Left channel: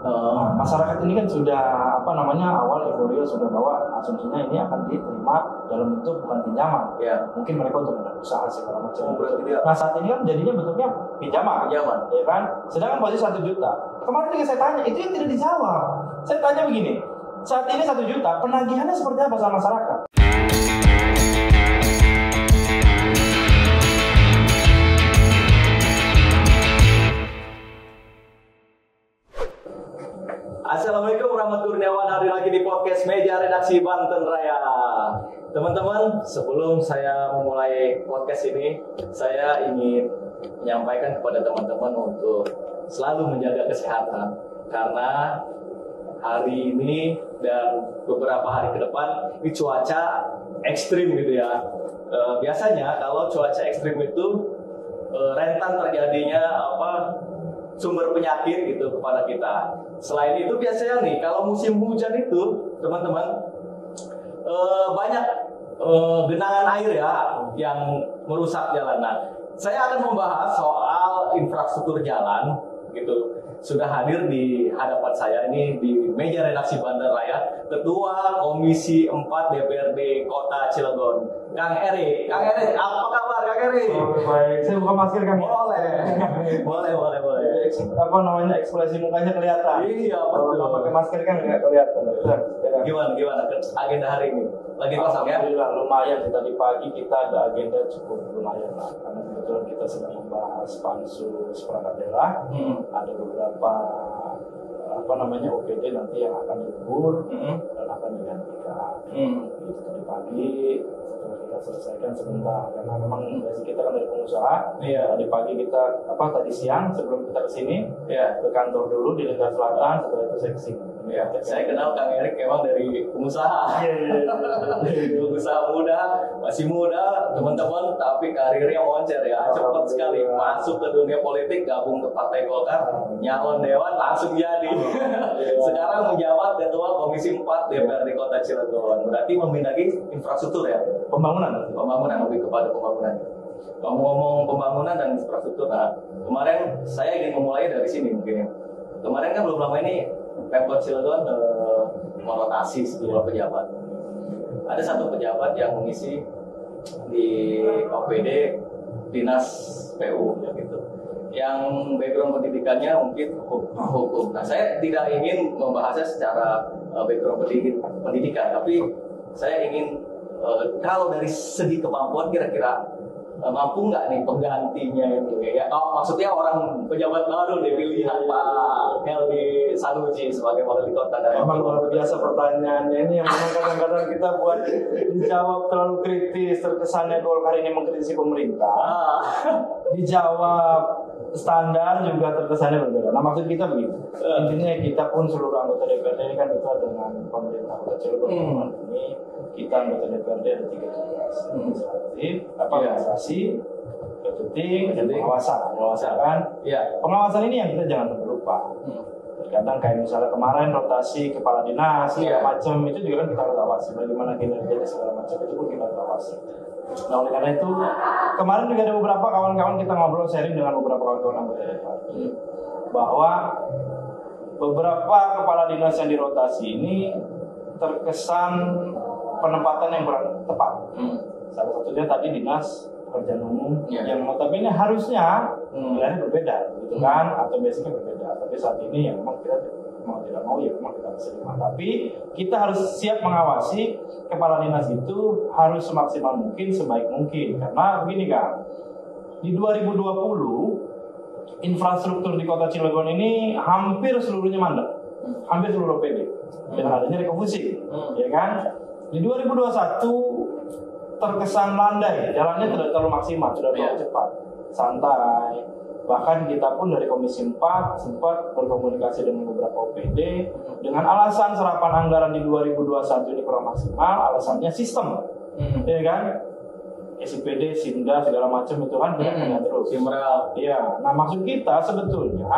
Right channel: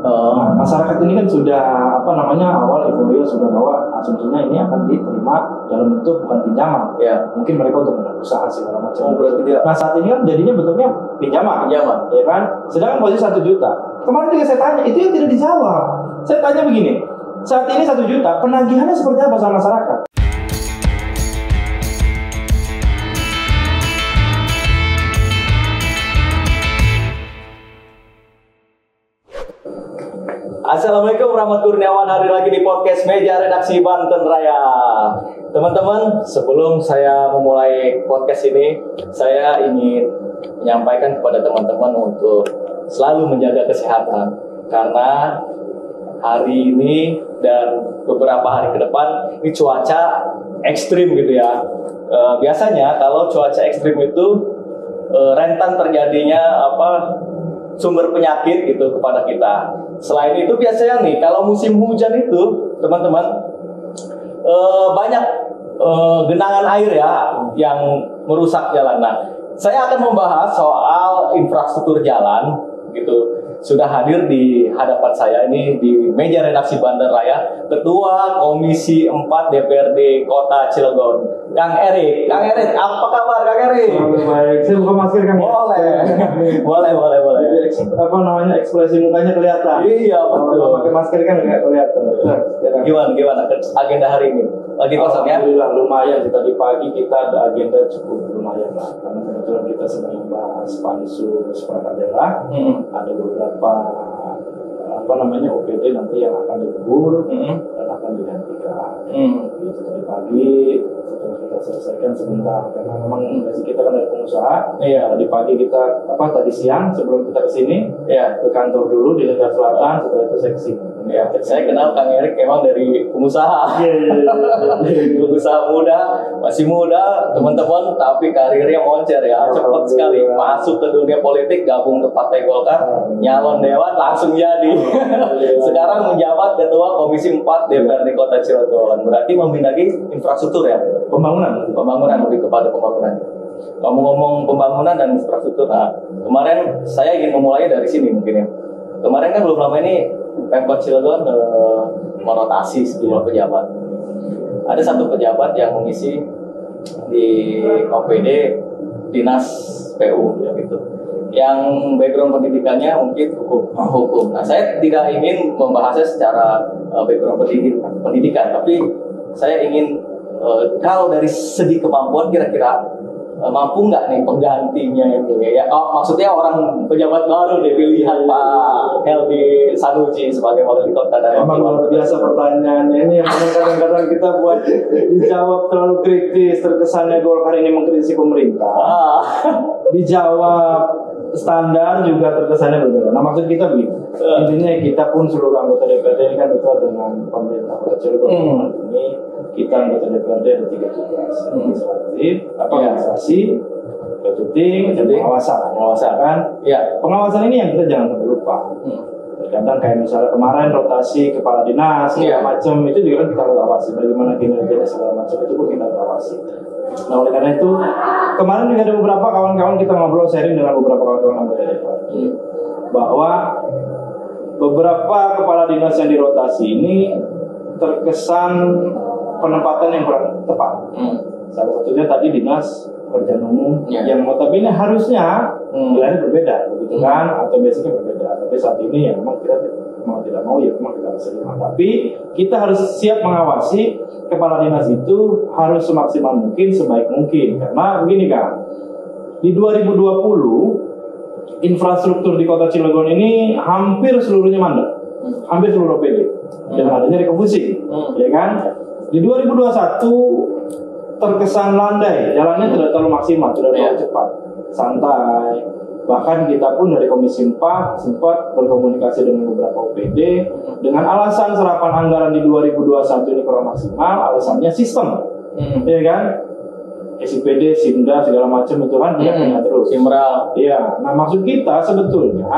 Nah, masyarakat ini kan sudah awal euforia sudah bahwa asumsinya ini akan diterima dalam bentuk bukan pinjaman. Ya. Mungkin mereka untuk berusaha segala macam. Berarti tidak. Nah saat ini kan jadinya bentuknya pinjaman, ya kan? Sedangkan posisi 1 juta. Kemarin juga saya tanya, itu yang tidak dijawab. Saya tanya begini, saat ini 1 juta, penagihannya seperti apa sama masyarakat? Assalamualaikum warahmatullahi wabarakatuh. Hari lagi di podcast Meja Redaksi Banten Raya. Teman-teman, sebelum saya memulai podcast ini, saya ingin menyampaikan kepada teman-teman untuk selalu menjaga kesehatan. Karena hari ini dan beberapa hari ke depan ini cuaca ekstrim gitu ya. Biasanya kalau cuaca ekstrim itu rentan terjadinya sumber penyakit gitu kepada kita. Selain itu biasanya nih kalau musim hujan itu teman-teman banyak genangan air ya yang merusak jalan. Nah, saya akan membahas soal infrastruktur jalan gitu. Sudah hadir di hadapan saya ini di meja redaksi Banten Raya Ketua Komisi 4 DPRD Kota Cilegon, Kang Erik. Kang Erik, apa kabar Kang Erik? Baik, saya buka masker Kang. Boleh. Jadi ekspresi mukanya kelihatan. Iya betul. Kalau pakai masker kan nggak kelihatan. Gimana agenda hari ini? Lagi kosong ya? Alhamdulillah lumayan. Tadi pagi kita ada agenda cukup lumayan lah. Karena kebetulan kita sedang membahas pansus perangkat daerah. Ada beberapa OPD nanti yang akan digugur dan akan digantikan. Itu tadi pagi setelah kita selesaikan sebentar karena memang gaji kita kan dari pengusaha. Iya. Tadi pagi kita tadi siang sebelum kita kesini ke kantor dulu di Lingkar Selatan, setelah itu seksi. Ya, saya kenal Kang Erik emang dari pengusaha. Pengusaha muda, masih muda teman-teman, tapi karirnya moncer ya, cepat sekali masuk ke dunia politik, gabung ke Partai Golkar, nyalon dewan langsung jadi. Sekarang menjabat Ketua Komisi 4 DPRD Kota Cilegon. Berarti membenahi infrastruktur ya? Pembangunan lebih kepada pembangunan. Ngomong-ngomong pembangunan dan infrastruktur, nah kemarin saya ingin memulai dari sini mungkin ya. Kemarin kan belum lama ini Pemkot Cilegon merotasi sejumlah pejabat. Ada satu pejabat yang mengisi di OPD Dinas PU ya gitu. Yang background pendidikannya mungkin hukum. Nah, saya tidak ingin membahasnya secara background pendidikan, tapi saya ingin kalau dari segi kemampuan kira-kira mampu nggak nih penggantinya itu ya? Maksudnya orang pejabat baru deh pilihan Pak Helmi Sanusi sebagai wali kota dari. Emang luar biasa pertanyaannya ini yang kadang-kadang kita buat dijawab terlalu kritis, terkesannya Golkar ini mengkritisi pemerintah. Dijawab standar juga terkesannya berbeda. Nah maksud kita begini, intinya kita pun seluruh anggota DPRD ini kan dekat dengan pemerintah Kota Cilegon. Ini kita anggota DPRD ada 3 tugas: legislatif, administrasi, budgeting, dan pengawasan kan? Ya, pengawasan ini yang kita jangan sampai lupa. Kadang kayak misalnya kemarin rotasi kepala dinas segala macam itu juga kan kita harus awasi. Bagaimana kinerjanya segala macam itu pun kita harus awasi. Nah oleh karena itu kemarin juga ada beberapa kawan-kawan kita ngobrol sharing dengan beberapa kawan-kawan anggota DPRD bahwa beberapa kepala dinas yang dirotasi ini terkesan penempatan yang kurang tepat. Salah satunya tadi dinas pekerjaan umum yang notabene harusnya wilayahnya berbeda, begitu kan? Atau basicnya berbeda. Tapi saat ini ya memang kita mau tidak mau ya memang kita harus terima. Tapi kita harus siap mengawasi kepala dinas itu harus semaksimal mungkin, sebaik mungkin. Karena begini kan, di 2020 infrastruktur di Kota Cilegon ini hampir seluruhnya mandek, hampir seluruh OPD dengan adanya refocusing, ya kan? Di 2021 terkesan landai, jalannya tidak terlalu maksimal, tidak terlalu cepat, santai. Bahkan kita pun dari Komisi 4 sempat berkomunikasi dengan beberapa OPD dengan alasan serapan anggaran di 2021 ini kurang maksimal, alasannya sistem, ya kan? SIPD, SIMDA segala macam itu kan punya terus. Simral. Iya. Nah maksud kita sebetulnya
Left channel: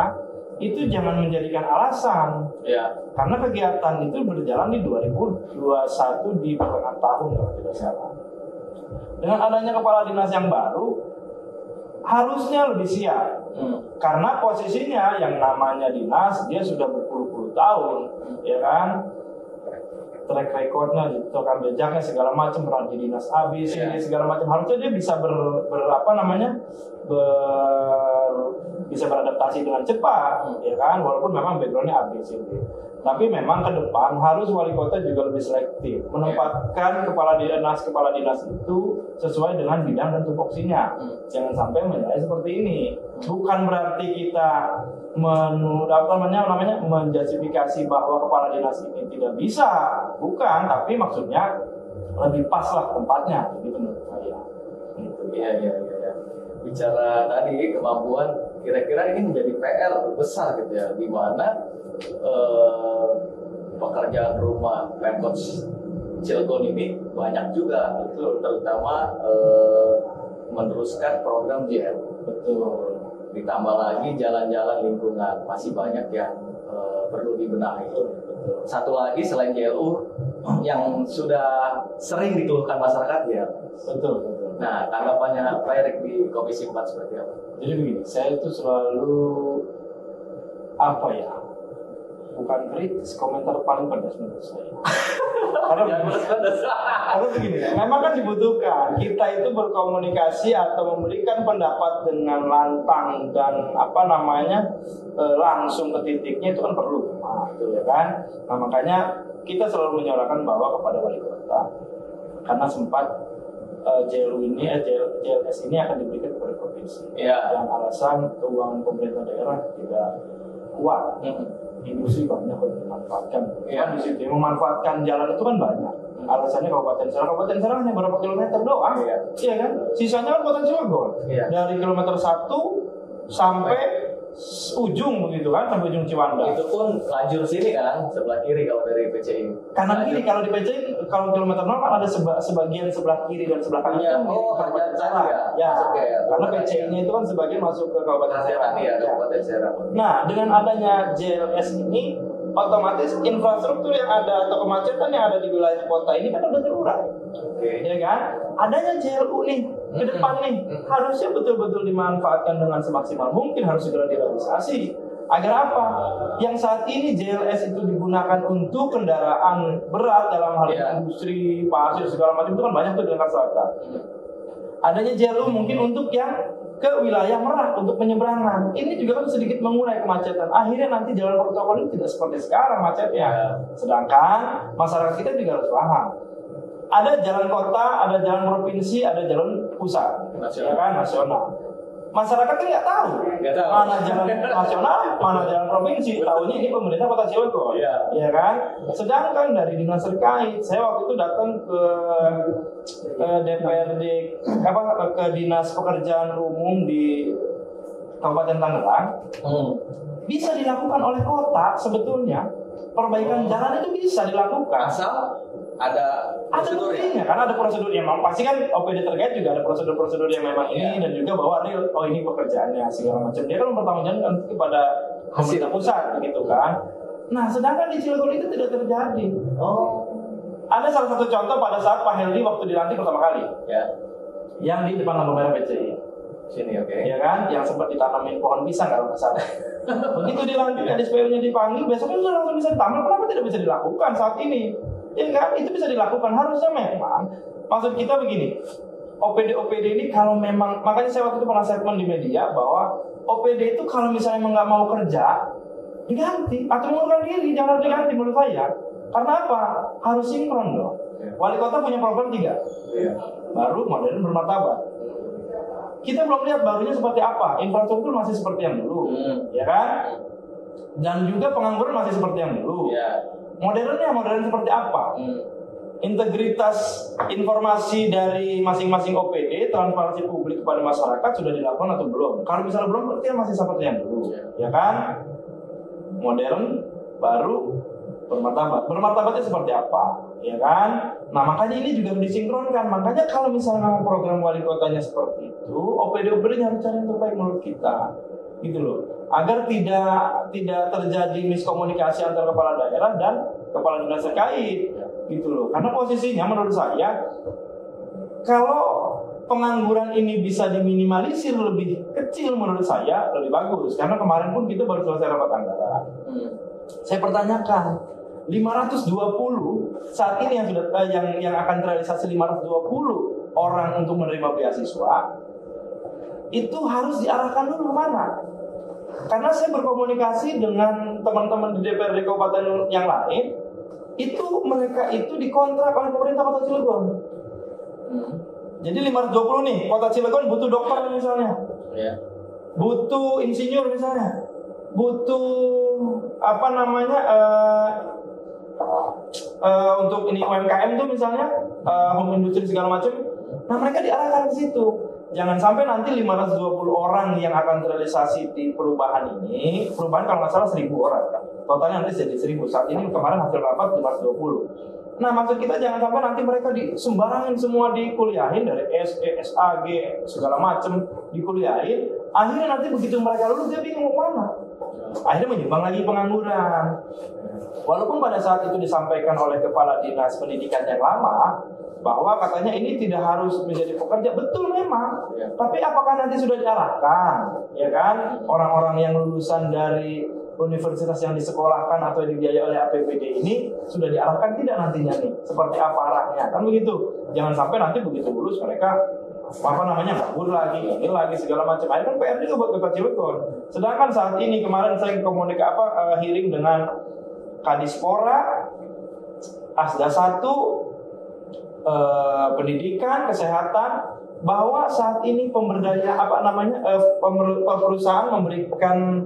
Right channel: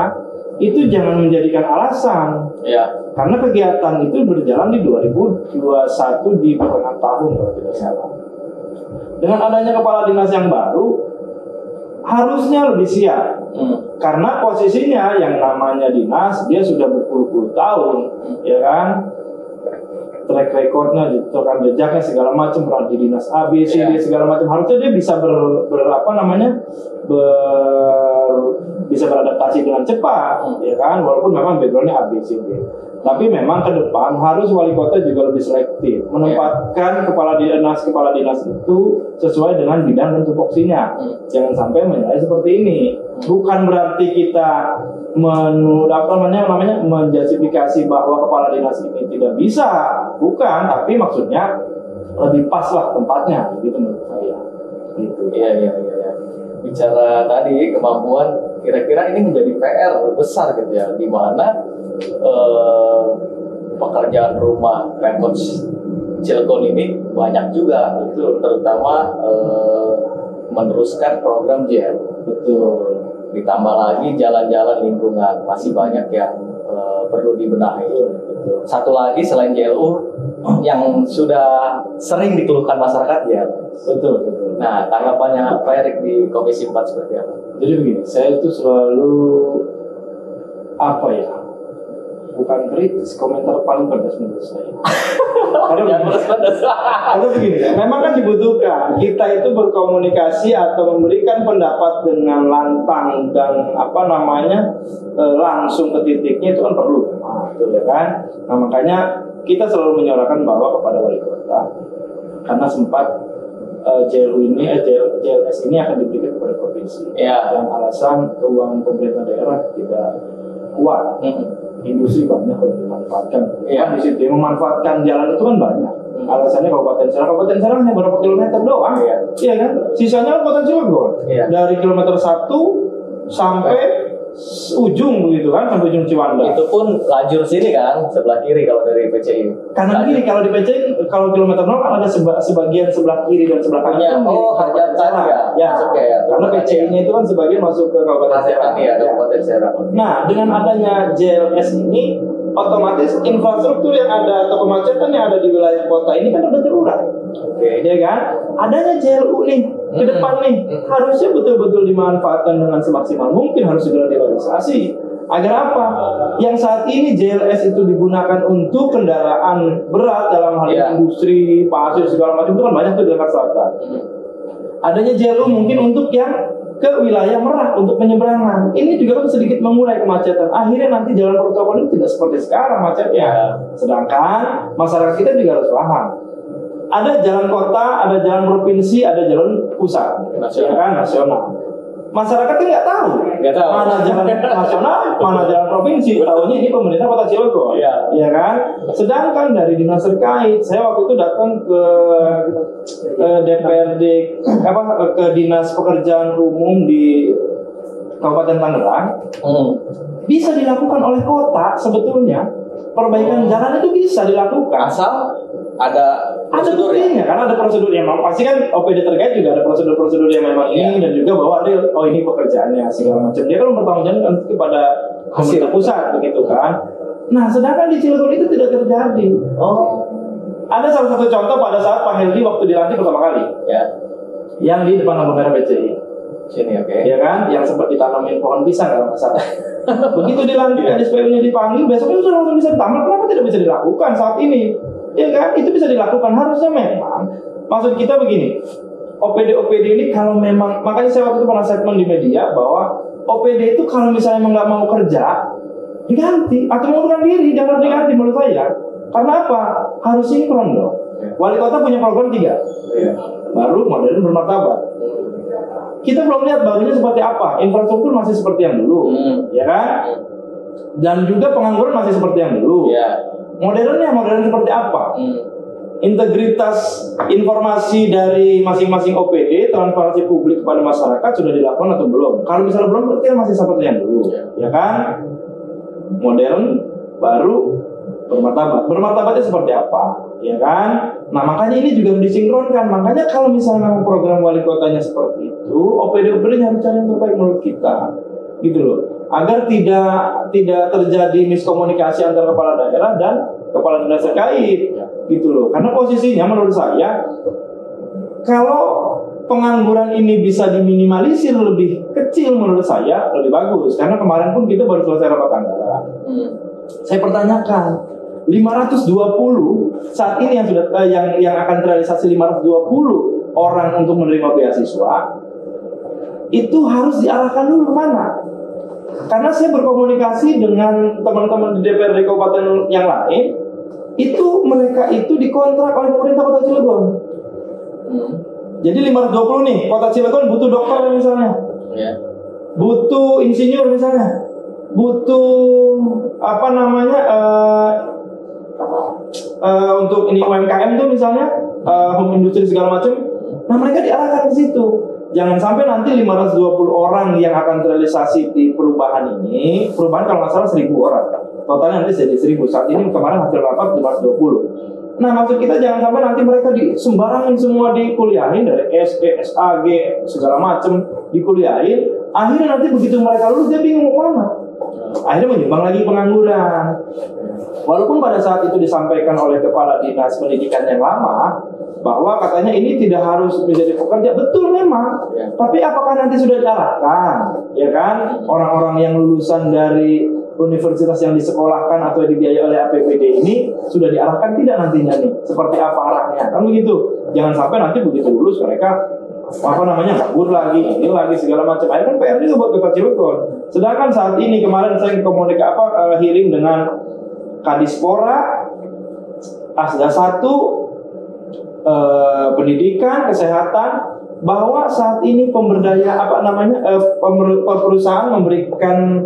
itu jangan menjadikan alasan. Ya. Karena kegiatan itu berjalan di 2021 di pertengahan tahun kalau tidak salah. Dengan adanya kepala dinas yang baru, harusnya lebih siap. Karena posisinya yang namanya dinas dia sudah berpuluh-puluh tahun, ya kan? Track recordnya, rekam jejaknya segala macam, pernah di dinas A, B, C, D segala macam. Harusnya dia bisa bisa beradaptasi dengan cepat, ya kan? Walaupun memang backgroundnya A, B, C, D. Tapi memang ke depan harus wali kota juga lebih selektif, menempatkan kepala dinas itu sesuai dengan bidang dan tupoksinya. Jangan sampai menilai seperti ini. Bukan berarti kita menjustifikasi bahwa kepala dinas ini tidak bisa, bukan. Tapi maksudnya lebih pas lah tempatnya, gitu menurut saya. Gitu. Iya. Bicara tadi kemampuan, kira-kira ini menjadi PR besar gitu ya, di mana pekerjaan rumah Pemkot Cilegon ini banyak juga, itu terutama meneruskan program JL. Betul. Ditambah lagi jalan-jalan lingkungan masih banyak yang perlu dibenahi. Betul. Satu lagi selain JLU yang sudah sering dikeluhkan masyarakat ya. Betul. Nah, tanggapannya Pak Erik di Komisi 4 seperti apa? Jadi begini, saya itu selalu bukan kritis, komentar paling pedas menurut saya. Karena begini ya, memang kan dibutuhkan kita itu berkomunikasi atau memberikan pendapat dengan lantang dan langsung ke titiknya itu kan perlu, ya kan? Nah makanya kita selalu menyuarakan bahwa kepada wali kota, karena sempat JLS ini akan diberikan kepada provinsi, dan alasan keuangan pemerintah daerah tidak kuat. Industri banyak yang dimanfaatkan. Kan di situ memanfaatkan jalan itu kan banyak. Alasannya Kabupaten Serang hanya berapa kilometer doang. Iya kan? Sisanya kan Kota Cilegon. Dari kilometer 1 sampai ujung begitu kan, sampai ujung Ciwandan. Itu pun lajur sini kan, sebelah kiri kalau dari PCI. Kanan kiri kalau di PCI, kalau kilometer 0 kan ada sebagian sebelah kiri dan sebelah kanan. Kabupaten Serang. Karena PCI-nya itu kan sebagian masuk ke Kabupaten Serang. Kabupaten Serang. Nah, dengan adanya JLS ini, otomatis infrastruktur yang ada atau kemacetan yang ada di wilayah kota ini kan udah terurai. Ya kan? Adanya JLU nih ke depan nih harusnya betul-betul dimanfaatkan dengan semaksimal mungkin, harus segera direalisasi. Agar apa? Yang saat ini JLS itu digunakan untuk kendaraan berat dalam hal industri, pasir segala macam itu kan banyak tuh di Jakarta Selatan. Adanya JLU mungkin untuk yang ke wilayah Merak untuk penyeberangan. Ini juga kan sedikit mengurai kemacetan. Akhirnya nanti jalan protokol ini tidak seperti sekarang macetnya. Sedangkan masyarakat kita juga harus paham. Ada jalan kota, ada jalan provinsi, ada jalan pusat, nasional. Masyarakat kan nggak tahu mana jalan nasional, mana jalan provinsi. Tahunya ini pemerintah Kota Cilegon, ya kan? Sedangkan dari dinas terkait, saya waktu itu datang ke DPRD, ke Dinas Pekerjaan Umum di Kabupaten Tangerang, bisa dilakukan oleh kota sebetulnya. Perbaikan jalan itu bisa dilakukan asal ada buktinya, karena ada prosedurnya. Pasti kan OPD terkait juga ada prosedur-prosedur yang memang ini dan juga bahwa real, ini pekerjaannya segala macam. Dia kan mempertanggungjawabkan kepada pemerintah pusat begitu kan. Nah, sedangkan di Cilegon itu tidak terjadi. Ada salah satu contoh pada saat Pak Heldi waktu dilantik pertama kali, yang di depan lampu merah PCI. Sini, ya kan, yang sempat ditanamin pohon pisang kalau nggak salah. Begitu dilantik, SPU-nya dipanggil, besoknya sudah langsung bisa ditambah. Kenapa tidak bisa dilakukan saat ini? Ya kan, itu bisa dilakukan. Harusnya memang, maksud kita begini, OPD ini kalau memang, makanya saya waktu itu pernah statement di media bahwa OPD itu kalau misalnya memang nggak mau kerja, diganti atau mengundurkan diri, jangan diganti menurut saya. Karena apa? Harus sinkron dong. Wali kota punya program 3, baru, modern, bermartabat. Kita belum lihat barunya seperti apa. Infrastruktur masih seperti yang dulu, ya kan? Dan juga pengangguran masih seperti yang dulu. Modern seperti apa? Integritas informasi dari masing-masing OPD, transparansi publik kepada masyarakat sudah dilakukan atau belum? Kalau misalnya belum, berarti masih seperti yang dulu, ya kan? Modern, baru, bermartabat. Bermartabatnya seperti apa? Ya kan? Nah makanya ini juga disinkronkan. Makanya kalau misalnya program wali kotanya seperti itu, OPD-OPD harus cari yang terbaik menurut kita, gitu loh. Agar tidak terjadi miskomunikasi antara kepala daerah dan kepala dinas terkait, gitu loh. Karena posisinya menurut saya, kalau pengangguran ini bisa diminimalisir lebih kecil, menurut saya lebih bagus. Karena kemarin pun kita baru selesai rapat anggaran. Saya pertanyakan, 520 saat ini yang sudah yang akan terrealisasi 520 orang untuk menerima beasiswa itu harus diarahkan dulu kemana? Karena saya berkomunikasi dengan teman-teman di DPRD kabupaten yang lain, itu mereka itu dikontrak oleh pemerintah Kota Cilegon. Jadi 520 nih, Kota Cilegon butuh dokter misalnya, butuh insinyur misalnya, butuh apa namanya untuk ini UMKM tuh misalnya, home industry segala macam. Nah mereka diarahkan ke situ. Jangan sampai nanti 520 orang yang akan terrealisasi di perubahan ini, perubahan kalau nggak salah 1.000 orang, totalnya nanti jadi 1.000. Saat ini kemarin hasil rapat 520. Nah maksud kita jangan sampai nanti mereka sembarangin semua dikuliahin dari SE, SAG segala macam dikuliahin. Akhirnya nanti begitu mereka lulus dia bingung mau mana. Akhirnya menyumbang lagi pengangguran. Walaupun pada saat itu disampaikan oleh Kepala Dinas Pendidikan yang lama bahwa katanya ini tidak harus menjadi pekerja, betul memang. Tapi apakah nanti sudah diarahkan, ya kan? Orang-orang yang lulusan dari universitas yang disekolahkan atau dibiayai oleh APBD ini sudah diarahkan tidak nantinya nih? Seperti apa arahnya? Kan begitu. Jangan sampai nanti begitu lulus mereka nganggur lagi, ini lagi segala macam. Akhirnya kan PR juga buat Kota Cilegon. Sedangkan saat ini kemarin saya hearing dengan Kadispora, Asda 1, pendidikan, kesehatan, bahwa saat ini perusahaan memberikan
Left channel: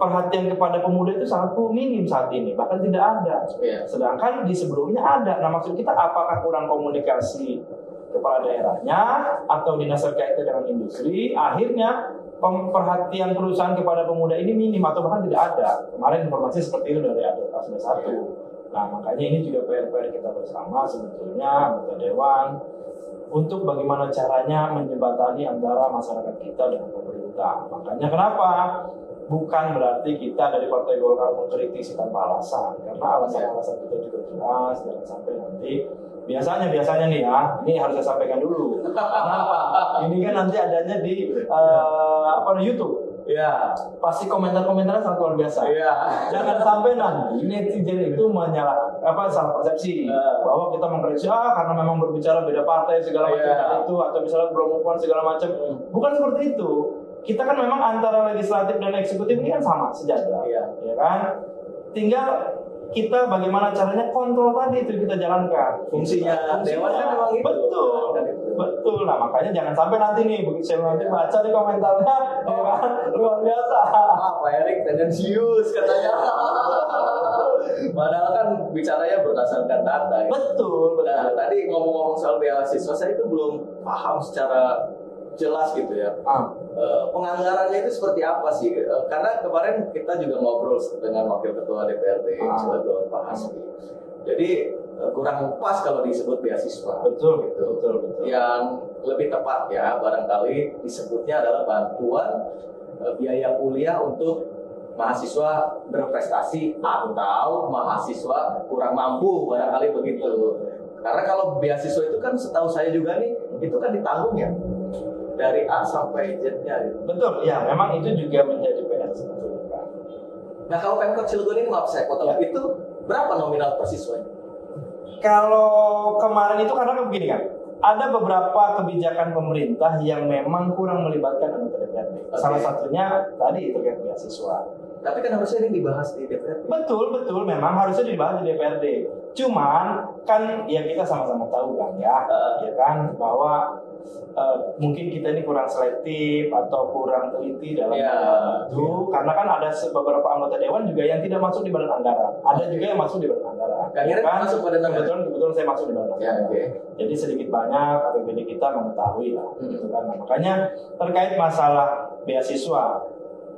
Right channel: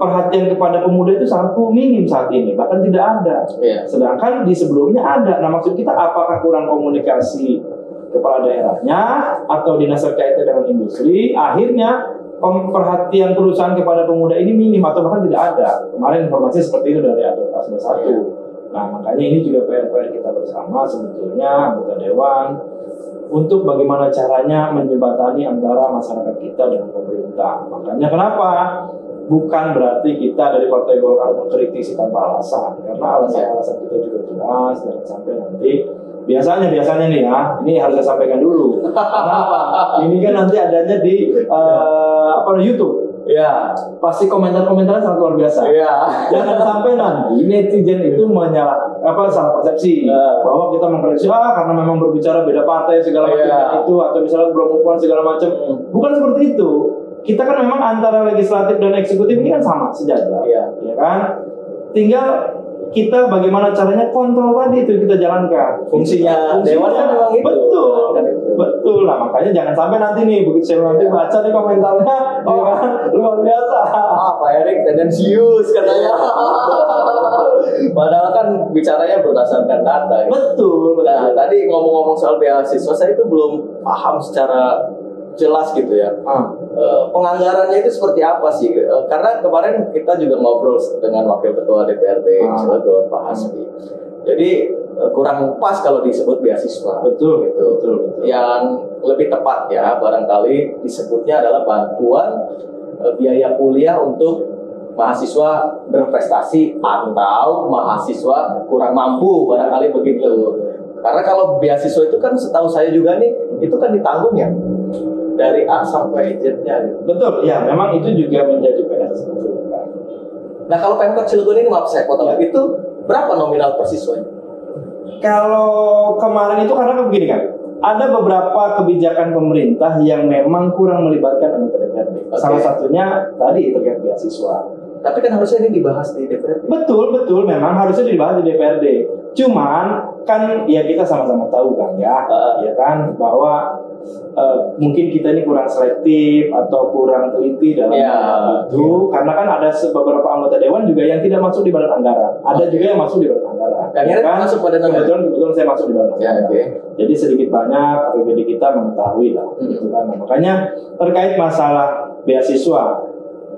perhatian kepada pemuda itu sangat minim saat ini, bahkan tidak ada. Sedangkan di sebelumnya ada. Nah maksud kita apakah kurang komunikasi kepala daerahnya atau dinas terkait dengan industri, akhirnya perhatian perusahaan kepada pemuda ini minim atau bahkan tidak ada. Kemarin informasi seperti itu dari Asda 1. Nah makanya ini juga PR kita bersama sebetulnya anggota dewan untuk bagaimana caranya menjembatani antara masyarakat kita dan pemerintah. Makanya kenapa? Bukan berarti kita dari Partai Golkar mengkritisi tanpa alasan, karena alasan-alasan kita juga jelas. Jangan sampai nanti biasanya nih ya, ini harus saya sampaikan dulu. Kenapa? Ini kan nanti adanya di YouTube. Ya, pasti komentar-komentarnya sangat luar biasa. Jangan sampai nanti netizen itu salah persepsi bahwa kita mengkritisi karena memang berbicara beda partai segala macam itu, atau misalnya belum move segala macam. Bukan seperti itu. Kita kan memang antara legislatif dan eksekutif ini kan sama sejajar, ya kan? Tinggal kita bagaimana caranya kontrol tadi itu kita jalankan. Fungsinya dewan kan memang itu. Betul. Nah makanya jangan sampai nanti nih begitu saya nanti baca nih komentarnya, luar biasa. Pak Erik tendensius katanya. Padahal kan bicaranya berdasarkan data. Betul. Nah tadi ngomong-ngomong soal beasiswa, saya itu belum paham secara jelas gitu ya. Penganggarannya itu seperti apa sih? Karena kemarin kita juga ngobrol dengan Wakil Ketua DPRD Cilegon, Pak Hasbi. Jadi kurang pas kalau disebut beasiswa. Betul. Yang lebih tepat ya barangkali disebutnya adalah bantuan biaya kuliah untuk mahasiswa berprestasi atau mahasiswa kurang mampu, barangkali begitu. Karena kalau beasiswa itu kan setahu saya juga nih, itu kan ditanggung ya dari A sampai Z-nya. Betul, ya memang itu juga menjadi PR. Nah kalau Pemkot Cilegon ini, maaf saya potong, itu berapa nominal per siswanya? Kalau kemarin itu karena begini kan, ada beberapa kebijakan pemerintah yang memang kurang melibatkan anggota DPRD. Salah satunya tadi terkait beasiswa. Tapi kan harusnya ini dibahas di DPRD. Betul, memang harusnya dibahas di DPRD. Cuman kan ya kita sama-sama tahu kan ya kan bahwa mungkin kita ini kurang selektif atau kurang teliti dalam itu, karena kan ada beberapa anggota dewan juga yang tidak masuk di badan anggaran, ada juga yang masuk di badan anggaran. Kan masuk badan anggaran. Kebetulan saya masuk di badan anggaran. Jadi sedikit banyak APBD kita mengetahui lah, gitu kan. Nah, makanya terkait masalah beasiswa,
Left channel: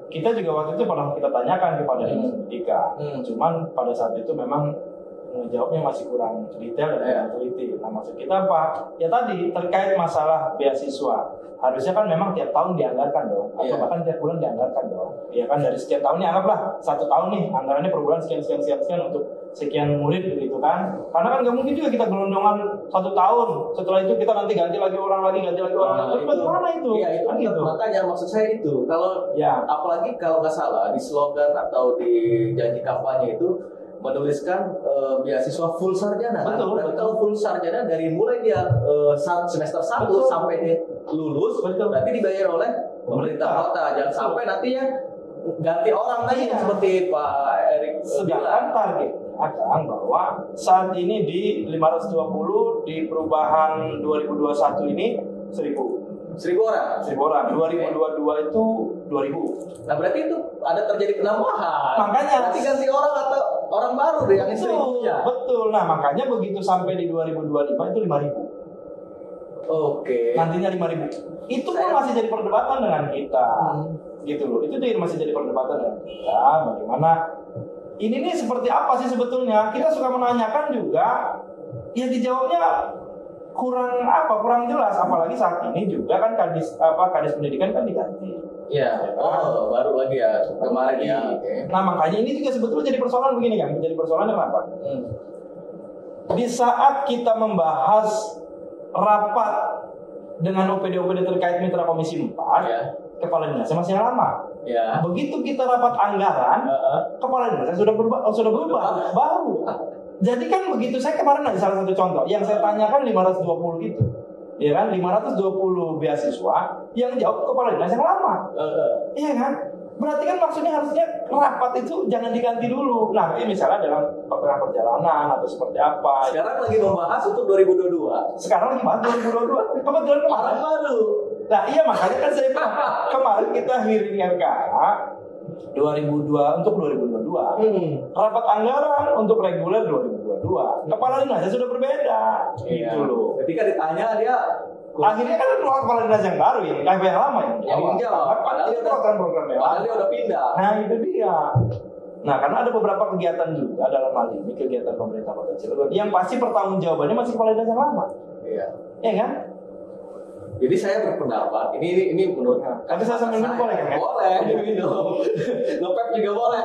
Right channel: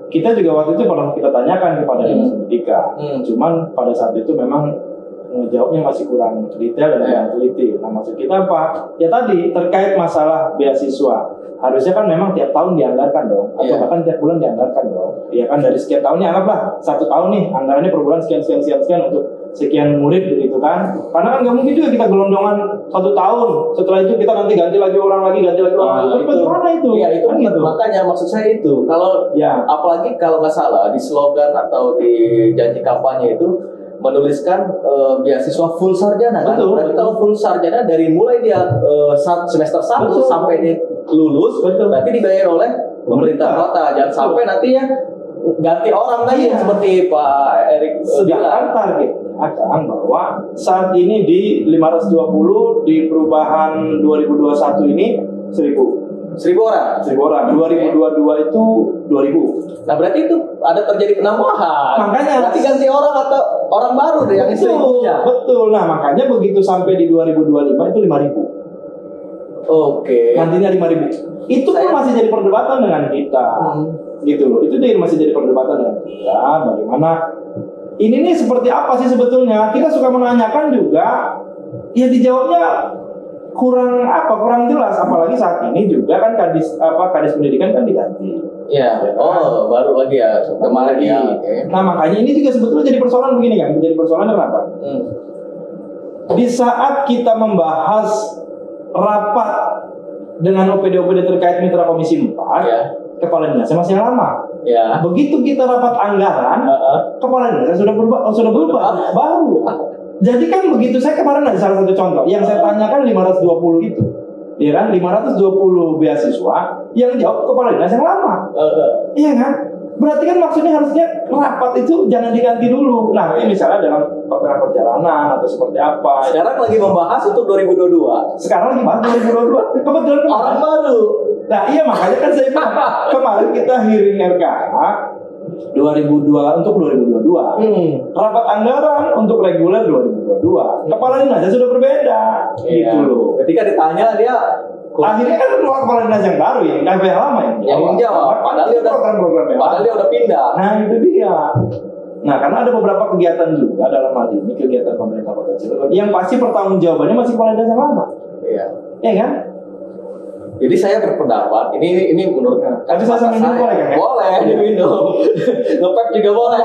kita juga waktu itu pernah kita tanyakan kepada Dinas Pendidikan. Cuman pada saat itu memang jawabnya masih kurang detail dan kurang teliti. Nah maksud kita apa? Ya tadi terkait masalah beasiswa, harusnya kan memang tiap tahun dianggarkan dong, atau bahkan tiap bulan dianggarkan dong. Ya kan dari sekian tahunnya, anggaplah 1 tahun nih anggarannya per bulan sekian untuk sekian murid begitu kan. Karena kan nggak mungkin juga kita gelondongan 1 tahun, setelah itu kita nanti ganti lagi orang lagi. Bagaimana itu? Iya, itu kan gitu. Makanya maksud saya itu, kalau ya, apalagi kalau nggak salah di slogan atau di janji kampanye itu menuliskan beasiswa full sarjana. Betul. Berarti kalau full sarjana dari mulai dia semester 1 sampai dia lulus, berarti dibayar oleh pemerintah kota. Jangan sampai nantinya ganti orang lagi seperti Pak Erik. Sedangkan target akan bahwa saat ini di 520 di perubahan 2021 ini 1.000 orang. 2022 itu 2.000. Nah berarti itu ada terjadi penambahan. Makanya berarti ganti orang atau orang baru deh yang betul. Nah makanya begitu sampai di 2025 itu 5.000. Oke. Nantinya 5.000. Itu pun masih jadi perdebatan dengan kita. Gitu loh. Itu masih jadi perdebatan dengan kita. Bagaimana ini nih seperti apa sih sebetulnya? Kita suka menanyakan juga, ya dijawabnya kurang jelas. Apalagi saat ini juga kan kadis pendidikan kan diganti. Iya. Ya kan? Baru lagi ya kemarin ya. Nah makanya ini juga sebetulnya jadi persoalan begini kan. Jadi persoalan kenapa? Di saat kita membahas rapat dengan OPD terkait mitra komisi 4, kepala dinasnya masih yang lama. Ya. Begitu kita rapat anggaran, kepala dinasnya sudah berubah, baru. Jadi kan begitu, saya kemarin ada salah satu contoh yang saya tanyakan 520 itu. Iya kan, 520 beasiswa yang jawab kepala dinas yang lama. Iya kan? Berarti kan maksudnya harusnya rapat itu jangan diganti dulu. Nanti misalnya dalam tengah perjalanan atau seperti apa. Sekarang lagi membahas untuk 2022. Sekarang lagi bahas 2022. Kebetulan orang baru. Nah iya makanya kan saya bilang kemarin kita hearing RKH 2002 untuk 2022. Rapat anggaran untuk reguler 2022. Kepala dinasnya sudah berbeda. Gitu loh. Ketika ditanya dia akhirnya kan keluar kepala dinas yang baru yang lama yang jawab. Padahal dia udah pindah. Nah itu dia. Nah karena ada beberapa kegiatan juga dalam hal ini kegiatan pemerintah Kota Cilegon yang pasti pertanggungjawabannya masih kepala dinas yang lama. Iya. Iya kan? Jadi saya berpendapat ini menurut tapi saya sambil minum boleh kan? Boleh diminum. Ngepep juga boleh.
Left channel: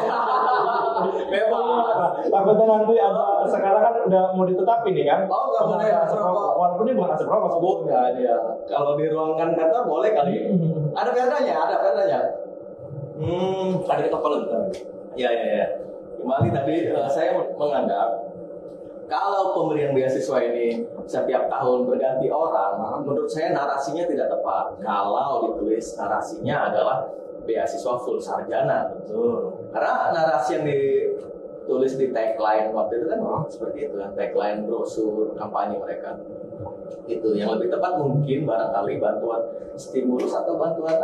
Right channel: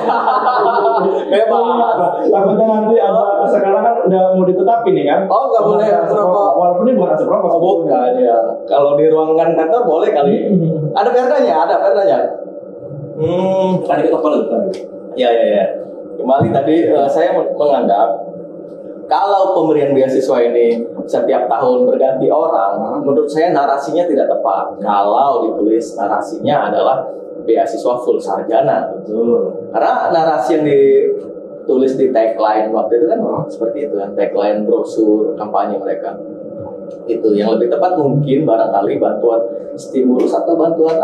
Takutnya nanti ada sekarang kan udah mau ditetapin nih kan? Oh nggak boleh merokok. Walaupun ini bukan asap rokok. Bukan ya. Kalau di ruangan kantor boleh kali. Ada perdanya. Tadi kita follow. Ya. Kembali tadi saya menganggap kalau pemberian beasiswa ini setiap tahun berganti orang, menurut saya narasinya tidak tepat. Kalau ditulis narasinya adalah beasiswa full sarjana. Betul. Karena narasi yang ditulis di tagline waktu itu kan seperti itu kan, tagline brosur kampanye mereka. Itu yang lebih tepat mungkin barangkali bantuan stimulus atau bantuan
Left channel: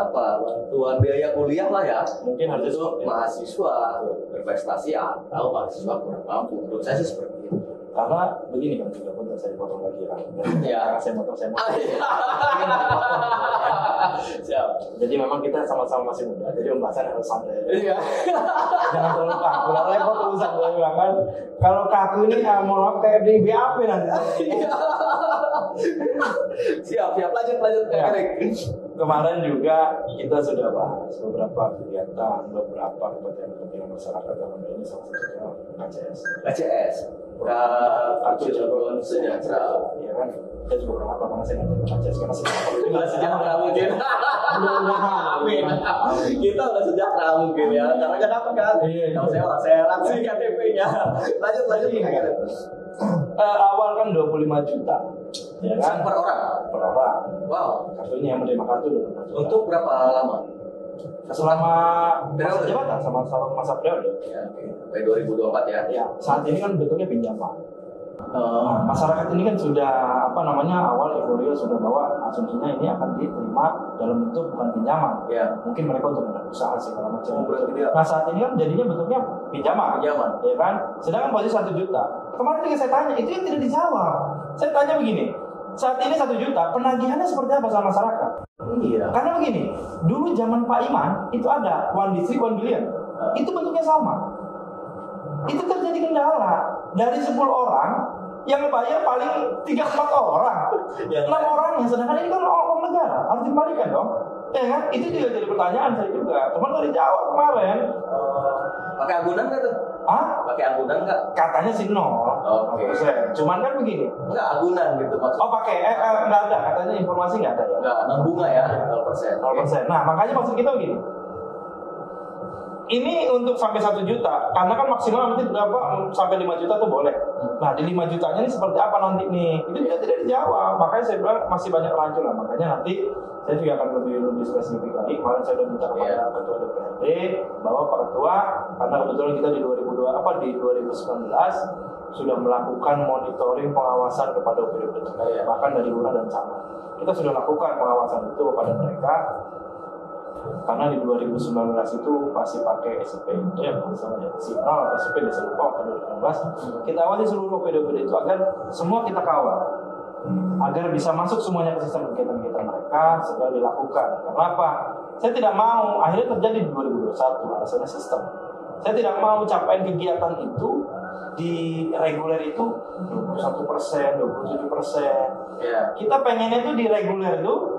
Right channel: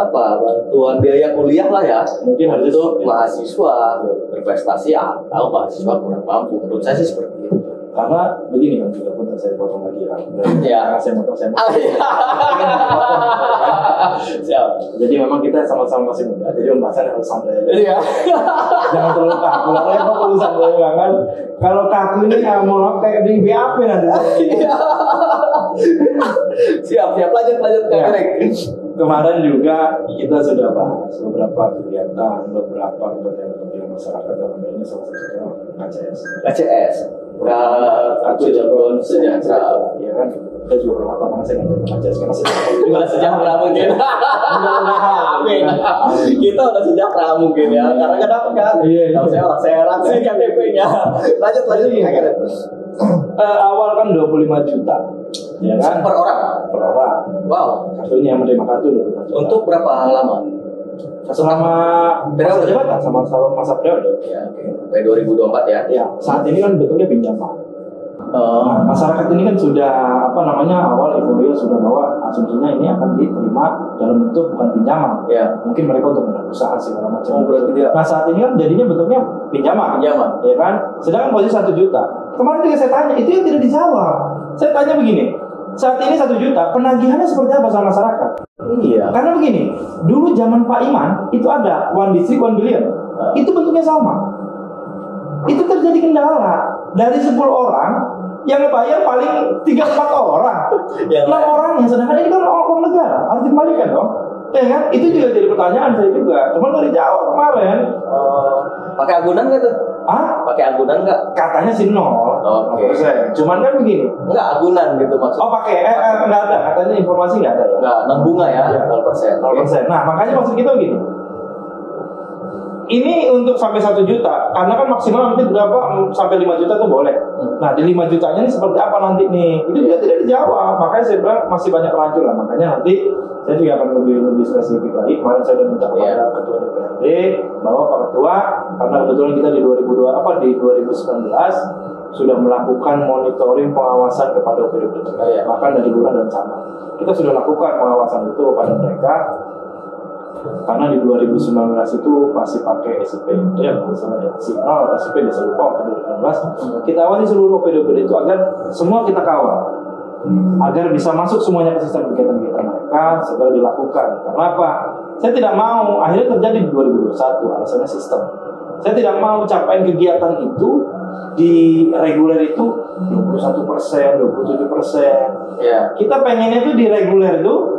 biaya kuliah lah ya. Mungkin harus itu mahasiswa berprestasi atau mahasiswa kurang mampu. Menurut saya sih seperti itu. Karena begini kan juga pun saya potong lagi kan. Ya. Saya potong. Siap. Jadi memang kita sama-sama masih muda. Jadi pembahasan harus santai. Iya. Jangan terlalu kaku. Repot urusan saya kan. Kalau kaku ini mau kayak di BAP nanti. Siap. Lanjut Kak Erik. Kemarin juga kita sudah bahas beberapa kegiatan, beberapa kepentingan masyarakat dalam ini salah satunya KCS. Kartu Jagoan Sejahtera. Ya kan, kita juga berapa banget saya ngajarin KCS karena sejahtera mungkin. Amin. Kita udah sejahtera mungkin ya. Karena kenapa kan? Kalau saya orang Serang sih KTP-nya. Lanjut. Awal kan 25 juta. Ya kan? Per orang. Wow. Kartunya yang menerima kartu 25 juta. Untuk berapa lama? Selama masa jabatan, sama masa periode. Ya, sampai 2024 ya. Ya, saat ini kan bentuknya pinjaman. Nah, masyarakat ini kan sudah awal euforia sudah bahwa asumsinya ini akan diterima dalam bentuk bukan pinjaman. Ya. Mungkin mereka untuk berusaha segala macam. Berarti dia. Nah saat ini kan jadinya bentuknya pinjaman. Ya kan? Sedangkan posisi 1 juta. Kemarin juga saya tanya, itu yang tidak dijawab. Saya tanya begini, saat ini 1 juta, penagihannya seperti apa sama masyarakat? Iya. Karena begini, dulu zaman Pak Iman itu ada one district 1 billion. Itu bentuknya sama. Itu terjadi kendala dari 10 orang yang ngebayar paling 3-4 orang, 6 orang yang sedangkan ini kan uang negara harus dikembalikan dong. Ya kan? Itu juga jadi pertanyaan saya juga. Cuman nggak dijawab kemarin. Pakai agunan nggak tuh? Pakai agunan nggak? Katanya sih 0%. Cuman kan begini. Nggak agunan gitu maksudnya. Pakai nggak ada. Katanya informasi nggak ada ya. Nggak, non bunga ya, 0%. 0%. Nah, makanya maksud kita gini. Ini untuk sampai 1 juta, karena kan maksimal nanti berapa sampai 5 juta tuh boleh. Nah, di 5 jutanya ini seperti apa nanti nih? Itu juga tidak dijawab. Makanya saya bilang masih banyak rancu lah. Makanya nanti saya juga akan lebih spesifik lagi. Kemarin saya sudah minta kepada Ketua DPRD bahwa Pak Ketua, karena kebetulan kita di 2019 sudah melakukan monitoring pengawasan kepada OPD terkait, bahkan dari lurah dan camat. Kita sudah lakukan pengawasan itu kepada mereka. Karena di 2019 itu masih pakai SIP ya, misalnya ya, signal SIP desa lupa waktu 2019 kita awasi seluruh OPD-OPD itu agar semua kita kawal, agar bisa masuk semuanya ke sistem kegiatan-kegiatan mereka segera dilakukan. Karena apa? Saya tidak mau akhirnya terjadi di 2021, alasannya sistem. Saya tidak mau capaian kegiatan itu di reguler itu 21%, 27%. Kita pengennya itu di reguler itu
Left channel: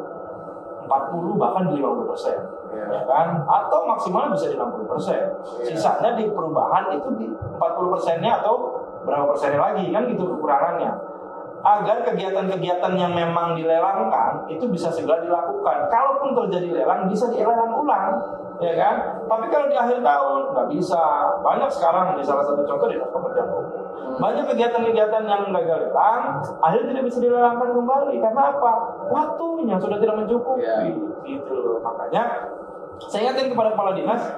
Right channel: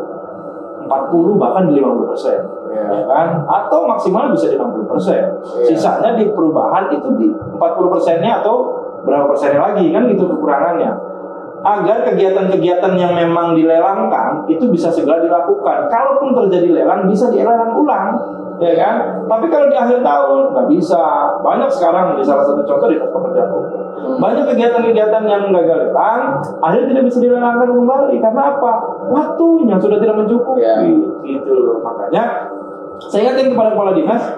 40 bahkan di 50%, ya kan? Atau maksimal bisa di 60%. Sisanya di perubahan itu di 40%-nya atau berapa persennya lagi, kan gitu kekurangannya. Agar kegiatan-kegiatan yang memang dilelangkan itu bisa segera dilakukan. Kalaupun terjadi lelang bisa dilelang ulang, ya kan? Tapi kalau di akhir tahun nggak bisa. Banyak sekarang di salah satu contoh di Dinas Pekerjaan Umum. Banyak kegiatan-kegiatan yang gagal lelang, akhirnya tidak bisa dilelangkan kembali. Karena apa? Waktunya sudah tidak mencukupi. Gitu loh. Makanya saya ingatkan kepada kepala dinas,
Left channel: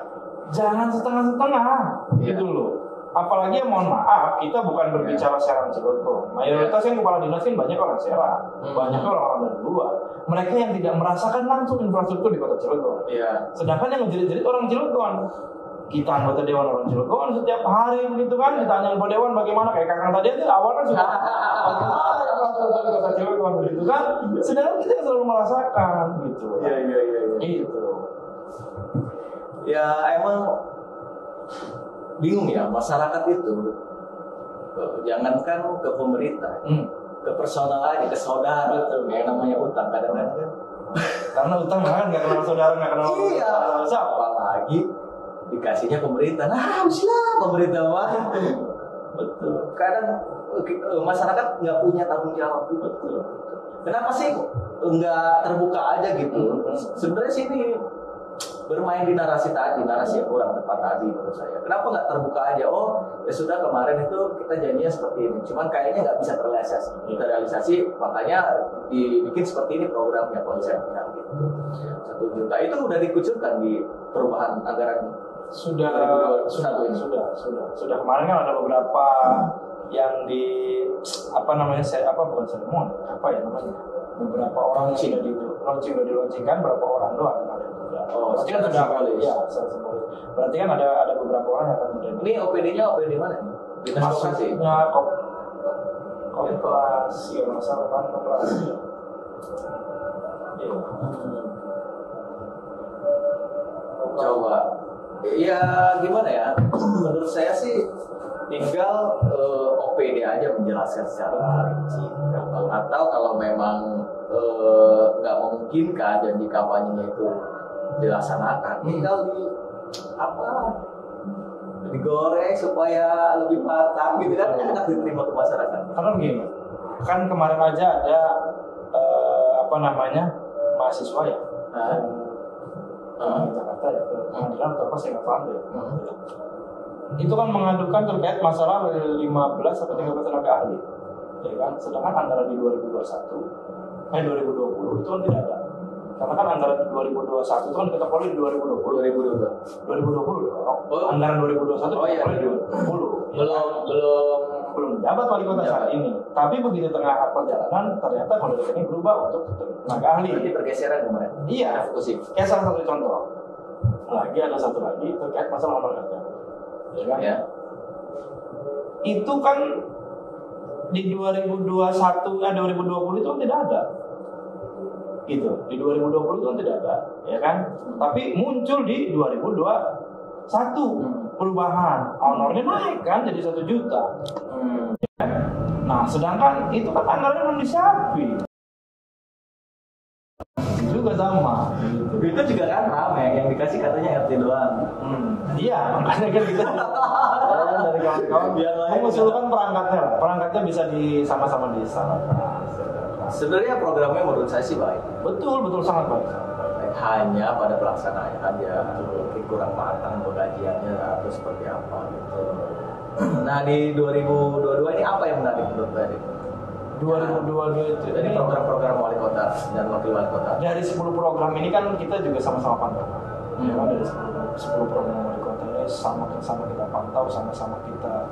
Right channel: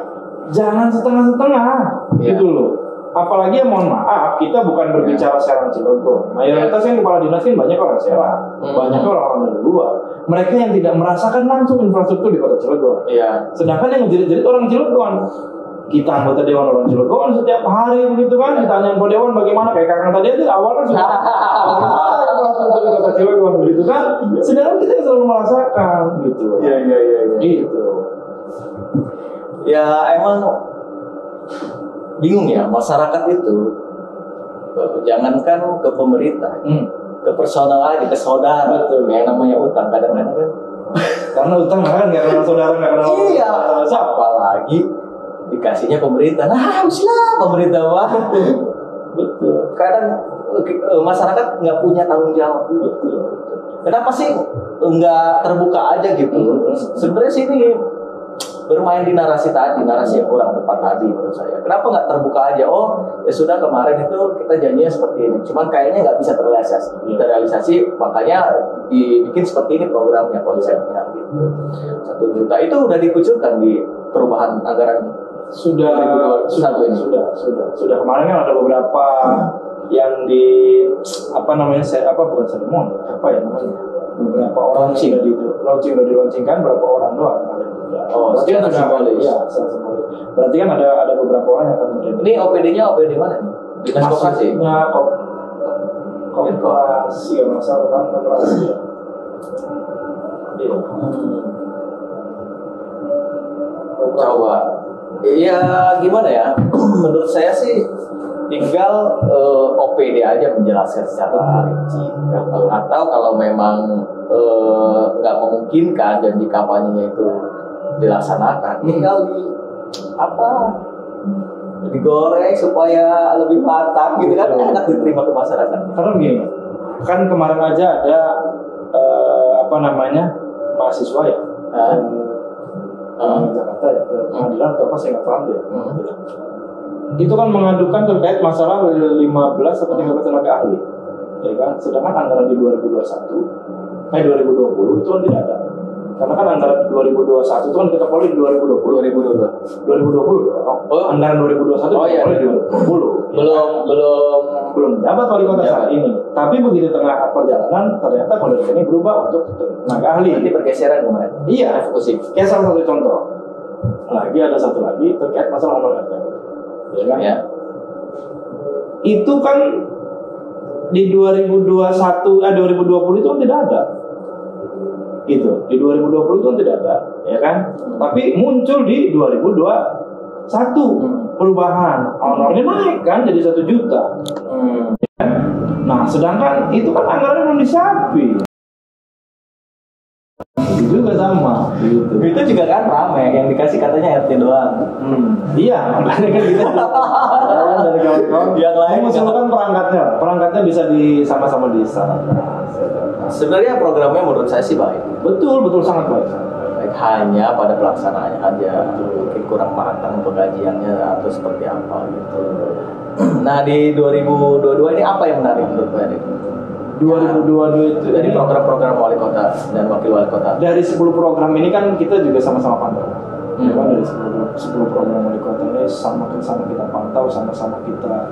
jangan setengah-setengah. Gitu loh. Apalagi ya mohon maaf, kita bukan berbicara Serang Cilegon. Mayoritas kan kepala dinas kan banyak orang Serang, banyak orang dari luar. Mereka yang tidak merasakan langsung infrastruktur di Kota Cilegon. Sedangkan yang menjerit-jerit orang Cilegon. Kita anggota Dewan orang Cilegon setiap hari begitu kan, ditanya ke Dewan bagaimana, kayak Kakang tadi itu awalnya sudah bagaimana infrastruktur di Kota Cilegon begitu kan. Sedangkan kita selalu merasakan gitu. Gitu. Ya emang bingung ya masyarakat itu, jangankan ke pemerintah, ke personal aja, ke saudara. Betul. Yang namanya utang kadang-kadang kan. Karena utang kan nggak kenal saudara, nggak kenal siapa lagi dikasihnya pemerintah. Nah, usilah pemerintah mah. Betul. Kadang masyarakat nggak punya tanggung jawab. Betul. Kenapa sih nggak terbuka aja gitu? Sebenarnya sih ini bermain di narasi tadi, narasi yang kurang tepat tadi menurut saya. Kenapa nggak terbuka aja? Oh, ya sudah kemarin itu kita janjinya seperti ini. Cuman kayaknya nggak bisa terrealisasi. Makanya dibikin seperti ini programnya, konsepnya gitu. 1 juta itu udah dikucurkan di perubahan anggaran. Sudah kemarin kan ada beberapa yang di bukan seremon, apa ya namanya, beberapa orang sudah dilaunchingkan berapa orang doang kemarin juga. Berarti kan sudah simbolis. Ya, simbolis. Berarti kan ada beberapa orang yang akan menjadi. Ini OPD-nya OPD mana nih? Dinas Koperasi. Koperasi kalau salah kan koperasi. Iya. Coba. Ya gimana ya? Menurut saya sih tinggal OPD aja menjelaskan secara rinci. Atau kalau memang nggak memungkinkan janji kampanyenya itu dilaksanakan, tinggal digoreng supaya lebih matang gitu kan, enak diterima ke masyarakat. Karena begini, kan kemarin aja ada mahasiswa ya. Jakarta ya, ke pengadilan atau apa saya nggak paham deh. Itu kan mengadukan terkait masalah 15 atau 13 tenaga ahli, ya kan? Sedangkan anggaran di 2020 itu kan tidak ada. Karena kan anggaran 2021 itu kan kita mulai di 2020 dong. Anggaran 2021 kita mulai di 2020. Belum menjabat wali kota saat ini. Tapi begitu tengah perjalanan ternyata kondisi ini berubah untuk tenaga ahli. Nanti pergeseran kemarin. Iya, kayak salah satu contoh. Lagi ada satu lagi terkait masalah honor RT. Ya kan? Ya. Itu kan di 2020 itu kan tidak ada. Gitu. Di 2020 itu kan tidak ada, ya kan? Tapi muncul di 2021 perubahan. Honornya naik kan jadi 1 juta. Nah, sedangkan itu kan anggarannya belum disiapin. Itu juga sama gitu. Itu juga kan rame, yang dikasih katanya RT doang. Iya, makanya kan kita dari kawan-kawan yang lain mengusulkan perangkatnya bisa di sama-sama desa. Sebenarnya programnya menurut saya sih baik. Betul sangat baik. Hanya pada pelaksanaannya aja mungkin kurang matang pengkajiannya atau seperti apa gitu. Nah di 2022 ini apa yang menarik menurut Pak Edi? 2022 itu dari program-program wali kota dan wakil wali kota. Dari 10 program ini kan kita juga sama-sama pantau. Ya kan dari 10 program wali kota ini sama-sama kita pantau, sama-sama kita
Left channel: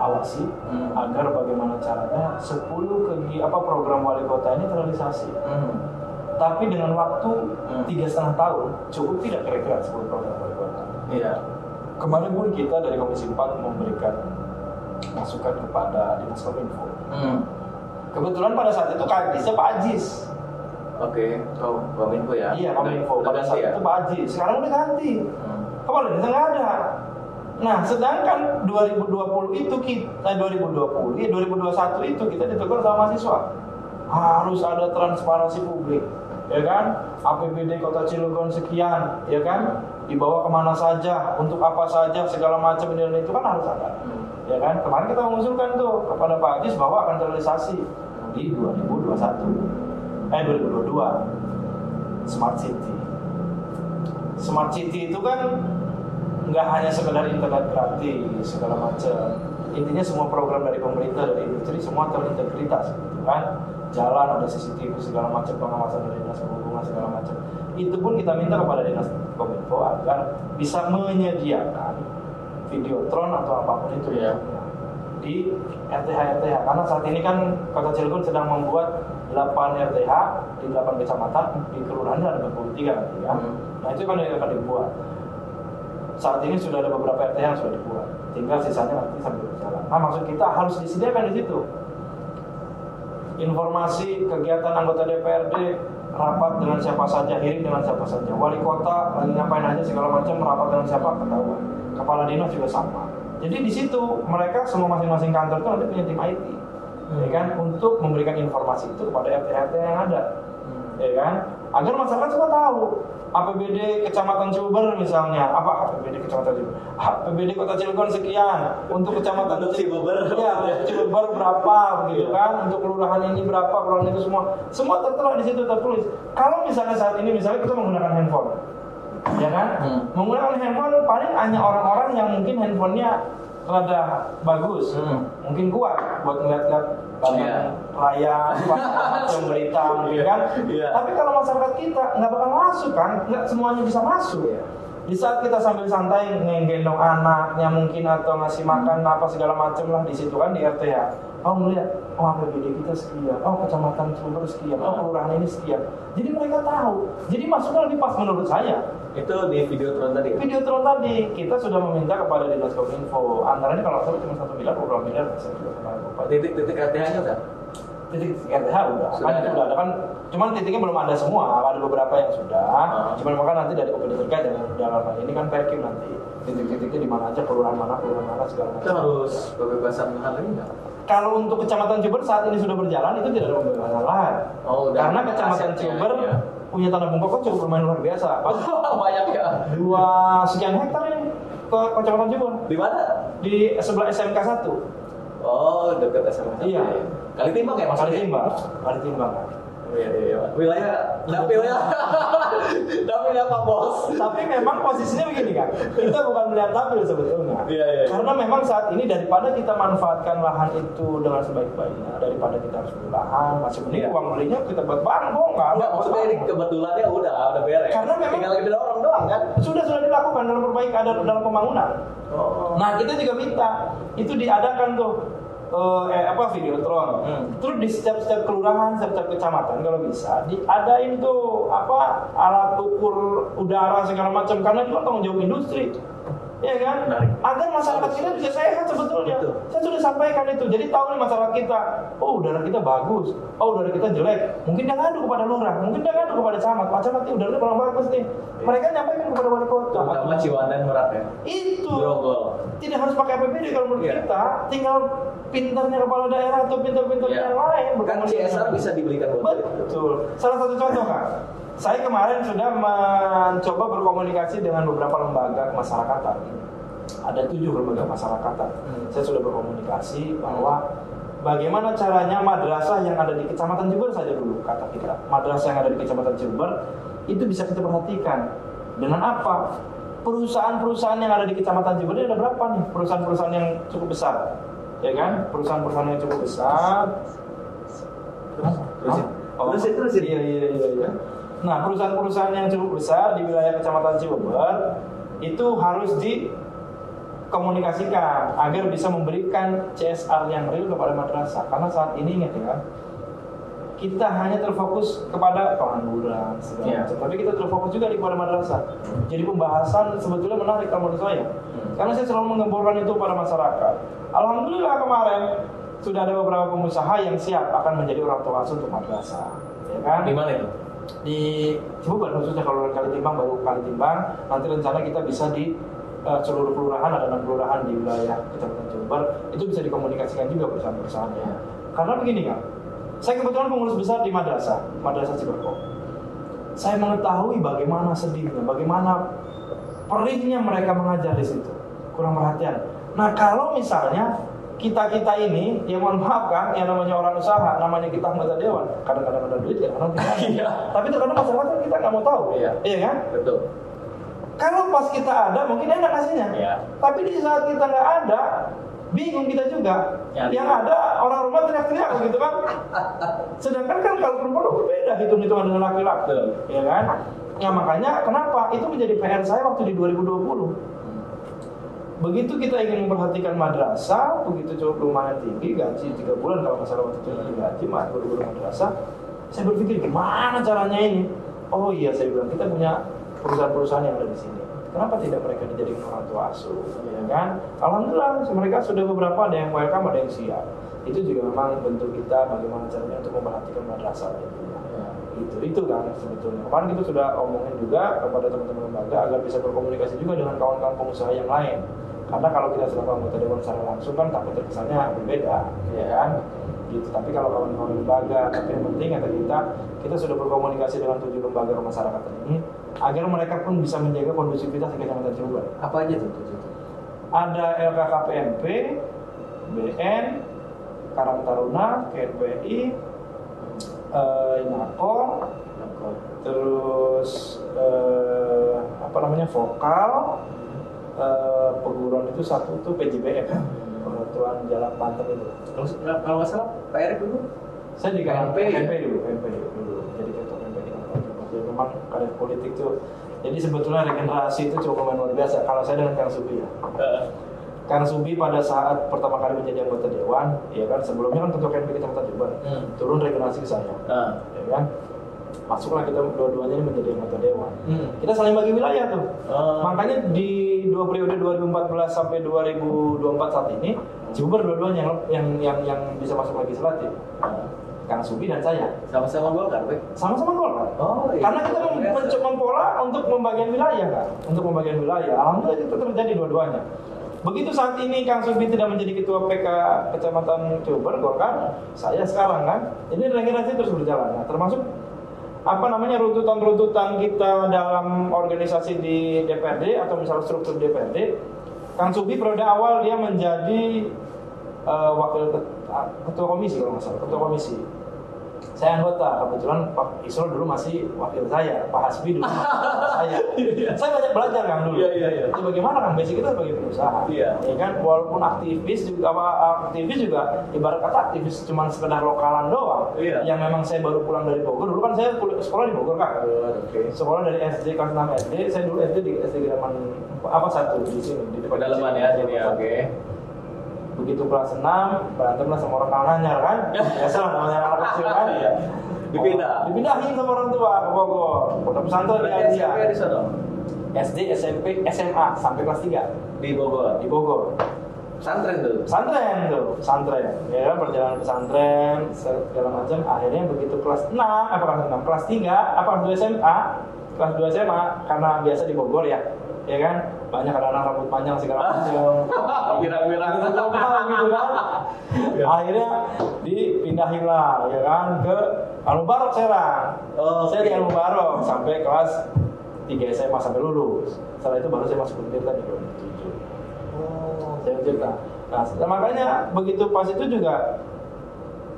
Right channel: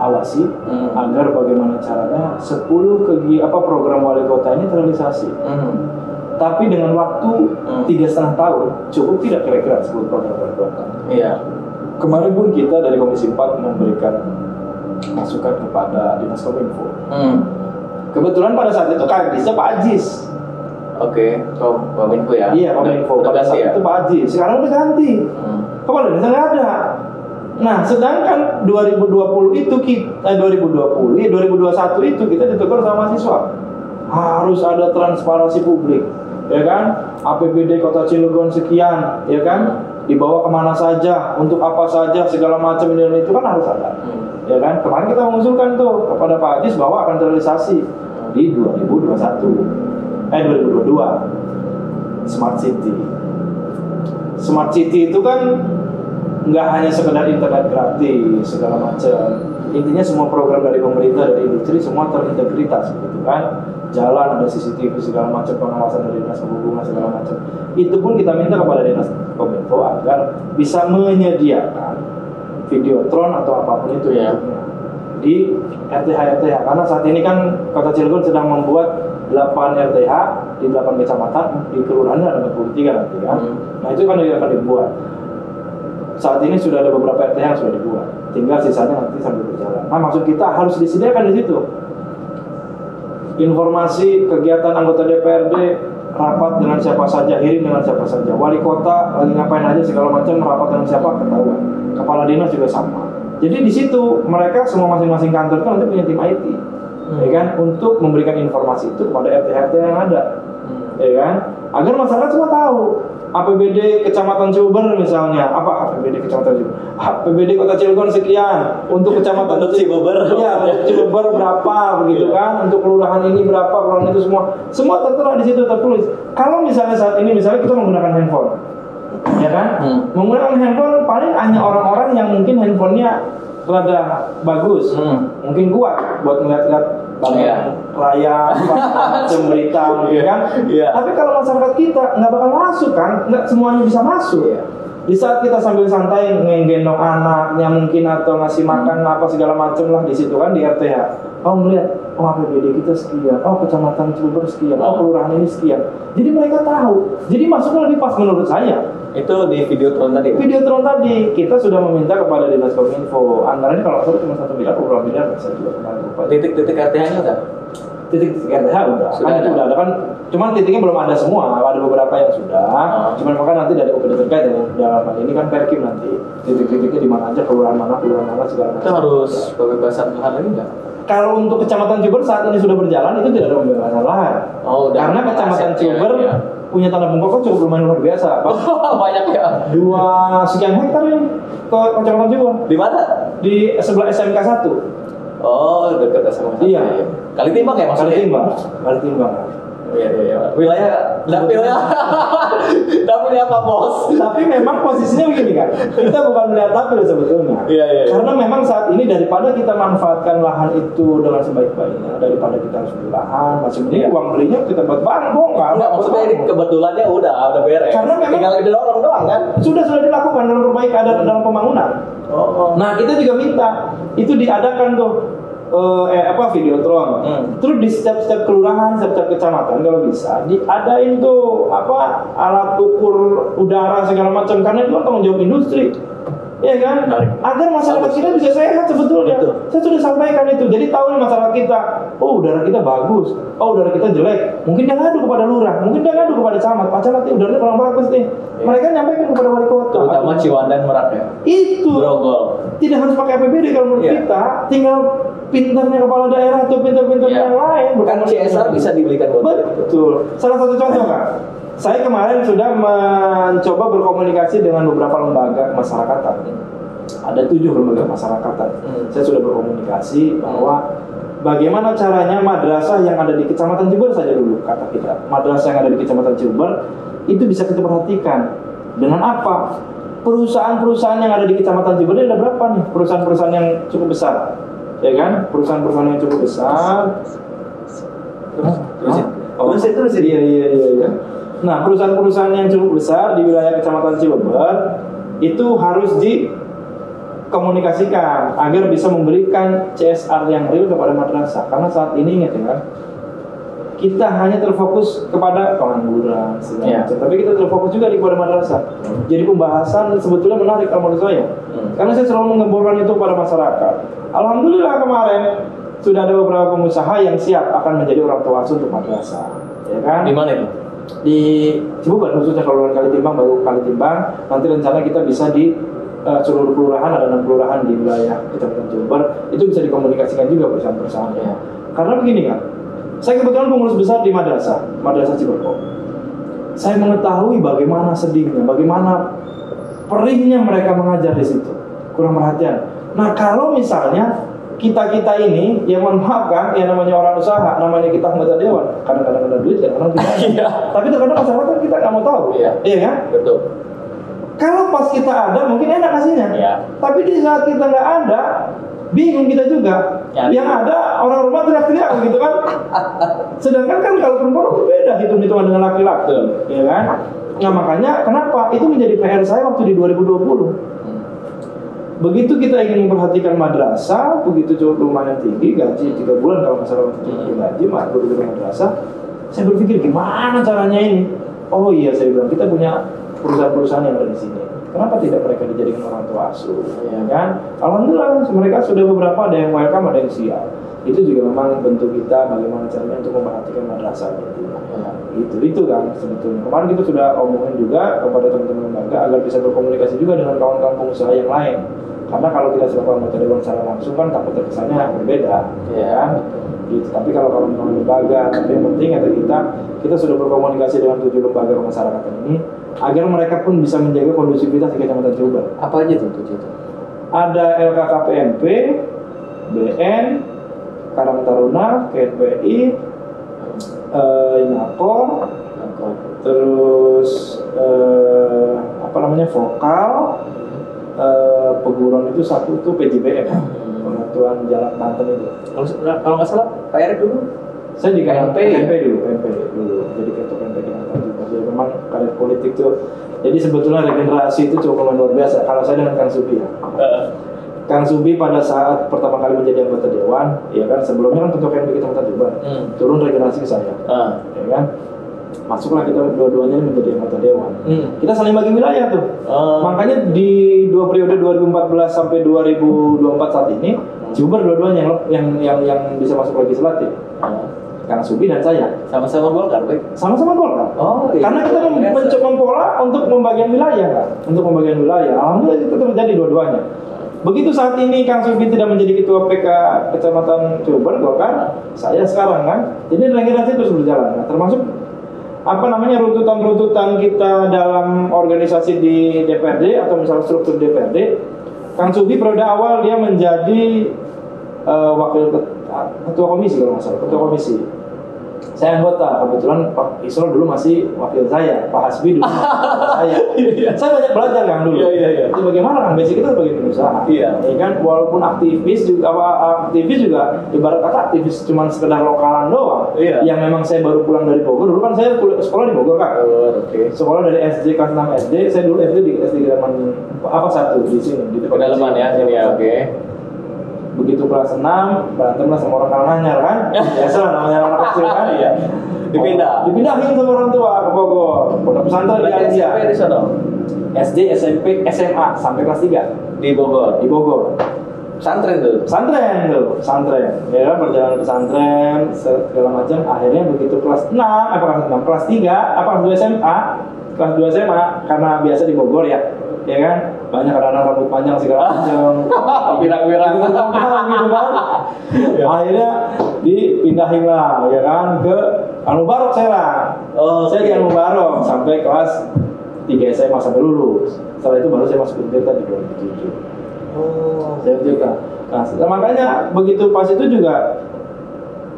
awasi agar bagaimana caranya 10 program wali kota ini terrealisasi. Tapi dengan waktu 3,5 tahun cukup tidak kira-kira 10 program wali kota. Iya. Kemarin pun kita dari Komisi 4 memberikan masukan kepada Dinas Kominfo. Kebetulan pada saat itu Kadisnya Pak Ajis. Oke, Kominfo ya? Iya, Kominfo. Pada saat itu Pak Ajis. Sekarang udah ganti. Kepala Dinas nggak ada. Nah, sedangkan 2021 itu kita ditegur sama mahasiswa. Harus ada transparansi publik, ya kan? APBD Kota Cilegon sekian, ya kan? Dibawa kemana saja, untuk apa saja, segala macam ini itu kan harus ada. Ya kan? Kemarin kita mengusulkan tuh kepada Pak Adis bahwa akan terrealisasi di 2022 Smart City. Smart City itu kan nggak hanya sekedar internet gratis segala macam. Intinya semua program dari pemerintah, dari industri semua terintegritas gitu kan. Jalan ada CCTV segala macam, pengawasan dari Dinas Perhubungan segala macam. Itu pun kita minta kepada Dinas Kominfo agar bisa menyediakan videotron atau apapun itu bentuknya di RTH karena saat ini kan Kota Cilegon sedang membuat 8 RTH di 8 kecamatan, di kelurahannya ada 43 nanti kan. Nah itu kan akan dibuat. Saat ini sudah ada beberapa RTH yang sudah dibuat, tinggal sisanya nanti sambil berjalan. Nah maksud kita harus disediakan di situ informasi kegiatan anggota DPRD, rapat dengan siapa saja, hearing dengan siapa saja, wali kota lagi ngapain aja segala macam, rapat dengan siapa ketahuan. Kepala dinas juga sama. Jadi di situ mereka semua masing-masing kantor itu nanti punya tim IT, ya kan, untuk memberikan informasi itu kepada RT yang ada, ya kan, agar masyarakat semua tahu. APBD Kecamatan Ciuber misalnya, APBD Kecamatan Ciuber, APBD Kota Cilegon sekian, untuk Kecamatan Ciuber, ya, Ciuber berapa begitu kan, untuk kelurahan ini berapa, kelurahan itu semua tertera di situ tertulis. Kalau misalnya saat ini kita menggunakan handphone, ya kan, menggunakan handphone paling hanya orang-orang yang mungkin handphonenya rada bagus, mungkin kuat buat melihat-lihat layar, macam berita mungkin kan. Tapi kalau masyarakat kita nggak bakal masuk kan, nggak semuanya bisa masuk. Di saat kita sambil santai ngegendong anaknya mungkin atau ngasih makan apa segala macam lah di situ kan di RTH. Melihat, APBD kita sekian, kecamatan Cilegon sekian, kelurahan ini sekian. Jadi mereka tahu. Jadi masuknya lebih pas menurut saya. Itu di videotron tadi kita sudah meminta kepada Dinas Kominfo. Anggarannya kalau salah cuma 1 miliar, beberapa miliar saya juga kemarin lupa. Titik-titik RTH-nya udah? Titik-titik RTH udah. Kan itu udah ada kan. Cuman titiknya belum ada semua. Ada beberapa yang sudah. Cuman maka nanti dari OPD terkait dalam hal ini kan Perkim nanti titik-titiknya di mana aja, kelurahan mana segala macam. Itu harus pembebasan lahan lagi nggak? Kalau untuk Kecamatan Ciuber saat ini sudah berjalan itu tidak ada pembebasan lahan. Karena Kecamatan Ciuber punya tanah bungkuk kan cukup lumayan luar biasa. Banyak ya. 2 sekian hektar ini ke Kecamatan Ciuber. Di mana? Di sebelah SMK 1. Dekat SMK 1. Iya. Kalitimbang ya maksudnya? Kalitimbang. Iya. Wilayah dapil ya. Dapil apa bos? Tapi memang posisinya begini kan. Kita bukan melihat dapil sebetulnya. Iya. Karena memang saat ini daripada kita manfaatkan lahan itu dengan sebaik-baiknya, daripada kita harus beli lahan, masih mending uang belinya kita buat bongkar. Maksudnya ini kebetulannya udah beres. Karena memang tinggal didorong doang kan. Sudah dilakukan dalam perbaikan dalam pembangunan. Nah, kita juga minta itu diadakan tuh videotron. Terus di setiap kelurahan, setiap kecamatan kalau bisa diadain tuh alat ukur udara segala macam, karena itu kan tanggung jawab industri. Ya kan? Agar masyarakat kita bisa sehat sebetulnya. Saya sudah sampaikan itu. Jadi tahu nih masyarakat kita, udara kita bagus, udara kita jelek. Mungkin dia ngadu kepada lurah, mungkin dia ngadu kepada camat. Pak camat, udaranya kurang bagus nih. Mereka nyampaikan kepada wali kota. Terutama Ciwandan Merak ya. Itu. Grogol. Tidak harus pakai APBD kalau menurut kita, tinggal pintarnya kepala daerah atau pintar-pintarnya yang lain. Kan CSR bisa dibelikan buat betul. Salah satu contoh kan, saya kemarin sudah mencoba berkomunikasi dengan beberapa lembaga kemasyarakatan. Ada 7 lembaga kemasyarakatan. Saya sudah berkomunikasi bahwa bagaimana caranya madrasah yang ada di Kecamatan Jember saja dulu, kata kita. Madrasah yang ada di Kecamatan Jember itu bisa kita perhatikan. Dengan apa? Perusahaan-perusahaan yang ada di Kecamatan Jember ini ada berapa nih? Perusahaan-perusahaan yang cukup besar, ya kan? Perusahaan-perusahaan yang cukup besar. Terus. Iya. Nah, perusahaan-perusahaan yang cukup besar di wilayah Kecamatan Jember itu harus dikomunikasikan agar bisa memberikan CSR yang real kepada madrasah. Karena saat ini ingat ya, kita hanya terfokus kepada pengangguran segala macam, tapi kita terfokus juga kepada madrasah. Jadi pembahasan sebetulnya menarik kalau menurut saya, karena saya selalu menggemborkan itu kepada masyarakat. Alhamdulillah kemarin sudah ada beberapa pengusaha yang siap akan menjadi orang tua asuh untuk madrasah, ya kan? Di mana itu? Di Cibubur, khususnya kalau Kalitimbang, baru Kalitimbang. Nanti rencana kita bisa di seluruh kelurahan, ada 6 kelurahan di wilayah Kecamatan Jember, itu bisa dikomunikasikan juga perusahaan-perusahaannya. Karena begini kan, saya kebetulan pengurus besar di Madrasah Ciberko. Saya mengetahui bagaimana sedihnya, bagaimana perihnya mereka mengajar di situ, kurang perhatian. Nah, kalau misalnya kita ini, yang mohon maaf kan, yang namanya orang usaha, namanya kita anggota dewan, kadang-kadang ada duit, kadang-kadang tidak. Tapi terkadang masyarakat kan kita nggak mau tahu, iya kan? Betul. Kalau pas kita ada, mungkin enak kasihnya. Tapi di saat kita nggak ada, bingung kita juga. Yang ada orang rumah teriak-teriak gitu kan. Sedangkan kan kalau perempuan berbeda hitung-hitungan dengan laki-laki, ya kan? Nah makanya kenapa itu menjadi PR saya waktu di 2020. Begitu kita ingin memperhatikan madrasah, begitu cukup lumayan tinggi, gaji 3 bulan kalau masalah waktu itu gaji, guru-guru madrasah. Saya berpikir gimana caranya ini? Oh iya, saya bilang kita punya perusahaan-perusahaan yang ada di sini. Kenapa tidak mereka dijadikan orang tua asuh, ya kan? Alhamdulillah, mereka sudah beberapa, ada yang welcome, ada yang siap. Itu juga memang bentuk kita bagaimana caranya untuk memperhatikan madrasahnya itu. Itu kan sebetulnya. Kemarin kita sudah omongin juga kepada teman-teman lembaga agar bisa berkomunikasi juga dengan kawan-kawan pengusaha yang lain. Karena kalau kita selaku anggota dewan secara langsung kan takut terkesannya berbeda, ya kan? Gitu. Tapi kalau kawan-kawan lembaga, tapi yang penting ada kita sudah berkomunikasi dengan 7 lembaga kemasyarakatan ini agar mereka pun bisa menjaga kondusivitas di Kecamatan Jember. Apa aja tuh 7 itu? Ada LKKPMP, BN, Karang Taruna, KNPI, Inakor, terus Vokal, Peguron itu satu tuh PJBM, Pengaturan Jalan Banten itu. Kalau nggak salah, Pak Erik dulu. Saya di KNP dulu. Jadi ketua KNP Kinantan juga. Jadi memang karir politik tuh. Jadi sebetulnya regenerasi itu cukup luar biasa. Kalau saya dengan Kang Subi ya. Kang Subi pada saat pertama kali menjadi anggota dewan, ya kan sebelumnya kan ketua KNP Kinantan juga. Turun regenerasi ke saya. Ya kan? Masuklah kita dua-duanya menjadi anggota dewan. Kita saling bagi wilayah tuh. Makanya di 2 periode 2014 sampai 2024 saat ini, Jember dua-duanya yang bisa masuk legislatif. Kang Subi dan saya sama-sama Golkar, baik. Sama-sama Golkar. Oh, iya. Karena kita mencoba pola untuk pembagian wilayah, kan? Untuk pembagian wilayah. Alhamdulillah itu terjadi dua-duanya. Begitu saat ini Kang Subi tidak menjadi ketua PK Kecamatan Jember Golkar, saya sekarang kan. Jadi regenerasi terus berjalan. Nah, termasuk runtutan-runtutan kita dalam organisasi di DPRD atau misalnya struktur DPRD. Kang Subi periode awal dia menjadi wakil ketua komisi kalau nggak salah, ketua komisi. Saya anggota, kebetulan Pak Isrol dulu masih wakil saya, Pak Hasbi dulu saya. Saya banyak belajar Kang dulu. Jadi bagaimana Kang, basic kita sebagai pengusaha. Ya kan, walaupun aktivis juga ibarat kata aktivis cuma sekedar lokalan doang. Yang memang saya baru pulang dari Bogor. Dulu kan saya sekolah di Bogor Kak. Sekolah dari SD kelas 6 SD. Saya dulu SD di SD Geraman 1 di sini di pedalaman ya sini ya. Oke. Begitu kelas 6 berantemlah sama orang Karanganyar kan. Biasalah namanya anak kecil kan. Dipindahin sama orang tua ke Bogor. Pondok pesantren di Asia. SMP di sana. SD, SMP, SMA sampai kelas 3 di Bogor. Pesantren tuh. Ya kan, perjalanan pesantren segala macam. Akhirnya begitu kelas 3, kelas 2 SMA karena biasa di Bogor ya kan. banyak kadang-kadang rambut panjang segala macam. Pirang-pirang gitu kan. Akhirnya dipindahin lah ya kan ke Al-Mubarok Serang. Saya di Al-Mubarok sampai kelas 3 SMA sampai lulus. Setelah itu baru saya masuk Untirta di 2007. Saya Untirta. Nah, makanya begitu pas itu juga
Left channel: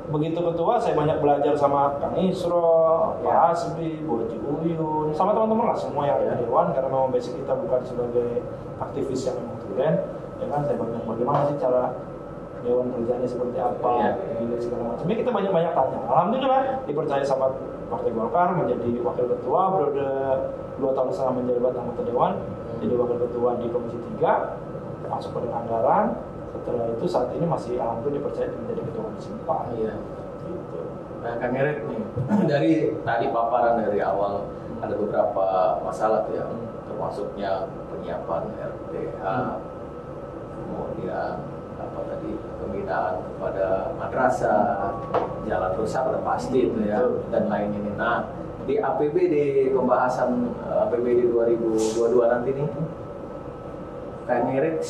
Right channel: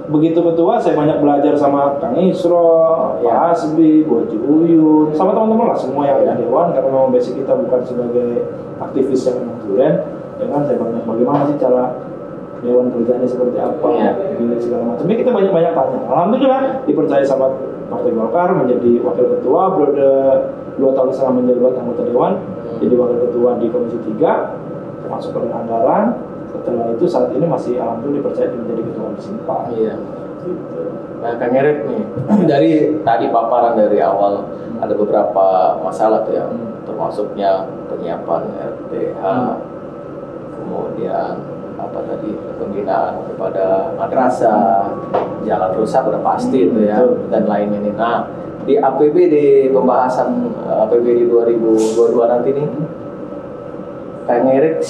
begitu ketua saya banyak belajar sama Kang Isro, Pak Hasbi, Bu Haji Uyun, sama teman-teman lah semua yang ada di Dewan, karena memang basic kita bukan sebagai aktivis yang memang tulen, ya kan saya banyak bagaimana sih cara Dewan kerjanya seperti apa, gini segala macam. Kita banyak tanya. Alhamdulillah dipercaya sama Partai Golkar menjadi wakil ketua, periode 2 tahun setelah menjabat anggota Dewan, jadi wakil ketua di Komisi 3, termasuk anggaran. Setelah itu saat ini masih alhamdulillah dipercaya menjadi ketua Komisi 4. Iya. Gitu. Nah, Kang Erik nih, dari tadi paparan dari awal ada beberapa masalah tuh ya, termasuknya penyiapan RTH, kemudian apa tadi pembinaan kepada madrasah, jalan rusak udah pasti itu ya, dan lain ini. Nah, di APBD pembahasan APBD 2022 nanti nih, Kang Erik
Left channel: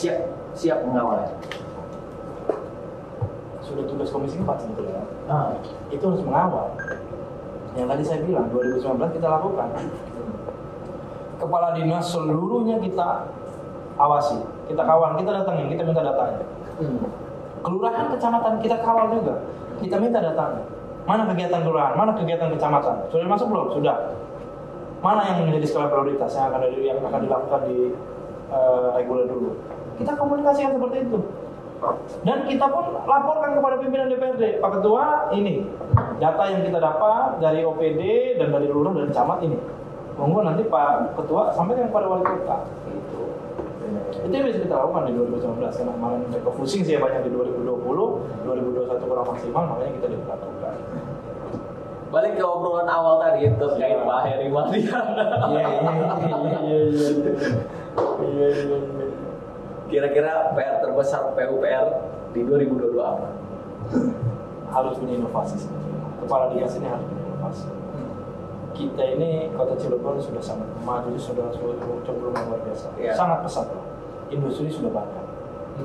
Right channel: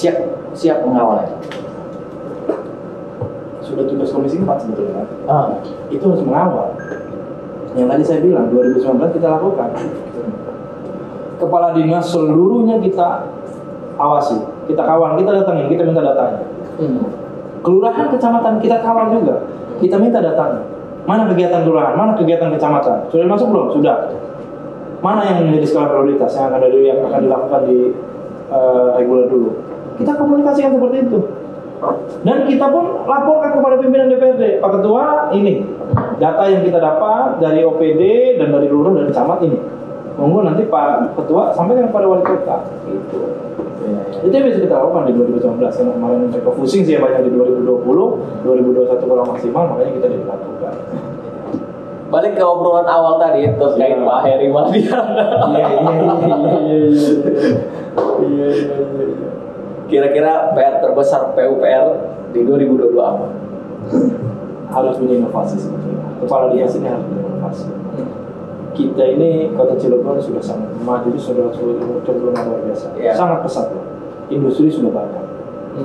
siap mengawalnya. Sudah tugas Komisi 4 sebetulnya. Itu harus mengawal. Yang tadi saya bilang 2019 kita lakukan. Kepala dinas seluruhnya kita awasi, kita kawal, kita datangin, kita minta datanya. Kelurahan, kecamatan kita kawal juga, kita minta datanya. Mana kegiatan kelurahan, mana kegiatan kecamatan? Sudah masuk belum? Sudah. Mana yang menjadi skala prioritas yang akan dilakukan di reguler dulu? Kita komunikasikan seperti itu. Dan kita pun laporkan kepada pimpinan DPRD, Pak Ketua, ini data yang kita dapat dari OPD dan dari lurah dan camat ini. Tunggu nanti Pak Ketua sampaikan kepada wali kota. Gitu. Itu yang bisa kita lakukan di 2019. Karena kemarin mereka pusing sih banyak di 2020, 2021 kurang maksimal, makanya kita dilakukan. Balik ke obrolan awal tadi terkait Pak Heri Mardiana. Iya. Kira-kira PR terbesar PUPR di 2022 apa? Harus punya inovasi sebetulnya. Kepala dinas ini harus punya inovasi. Kita ini kota Cilegon sudah sangat maju, sudah cenderung luar biasa. Sangat pesat loh. Industri sudah banyak.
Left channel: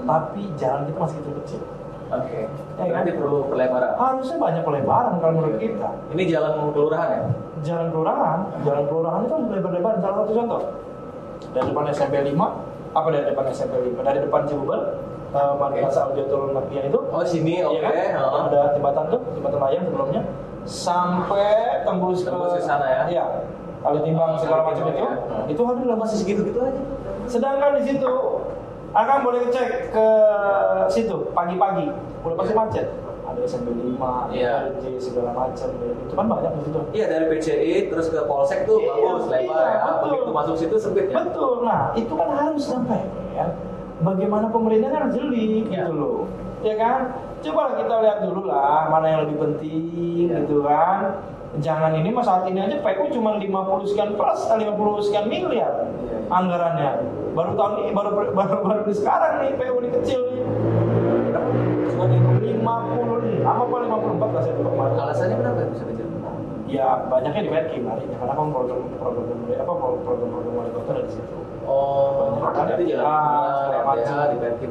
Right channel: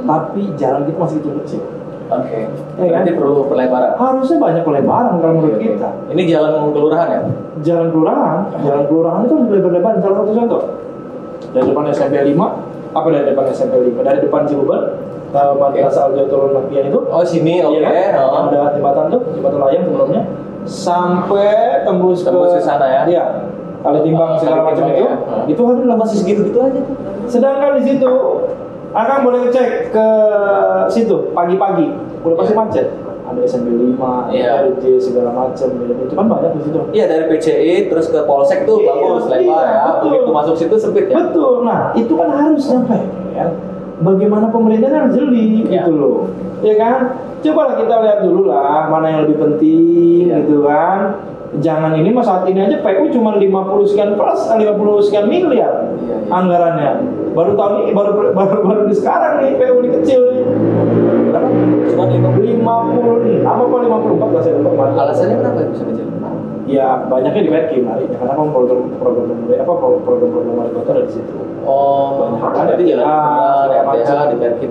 Tapi jalan kita masih kecil. Oke. Berarti perlu pelebaran. Harusnya banyak pelebaran kalau menurut kita. Ini jalan kelurahan ya? Jalan kelurahan itu harus dilebar-lebarin. Salah satu contoh. Dari depan SMP 5, dari depan SMP 5? Dari depan Cibubur, Madrasah Al-Jautul Nabiyah itu. Oh, sini, oke. Kan? Yang ada jembatan tuh, jembatan layang sebelumnya. Sampai tembus ke sana ya? Iya. Kali timbang segala macam itu. Itu harus masih segitu-gitu aja. Sedangkan di situ akan boleh cek ke situ pagi-pagi, udah pasti macet. Ada SMP 5, LJ segala macam, itu kan banyak di situ. Iya, dari PCI terus ke Polsek tuh bagus, lebar ya. Begitu masuk situ sempit ya. Betul. Nah, itu kan harus nyampe ya. Bagaimana pemerintah harus jeli gitu loh. Ya kan? Coba kita lihat dulu lah mana yang lebih penting gitu kan. Jangan ini mas saat ini aja PU cuma 50 sekian plus, 50 sekian miliar anggarannya. Baru tahun ini baru di sekarang nih PU ini kecil nih. Cuma 56 apa 54 lah saya lupa kemarin. Alasannya kenapa bisa kecil? Ya banyaknya di Perkim larinya karena kan program wali kota ada di situ. Banyak kan jadi segala macam di Perkim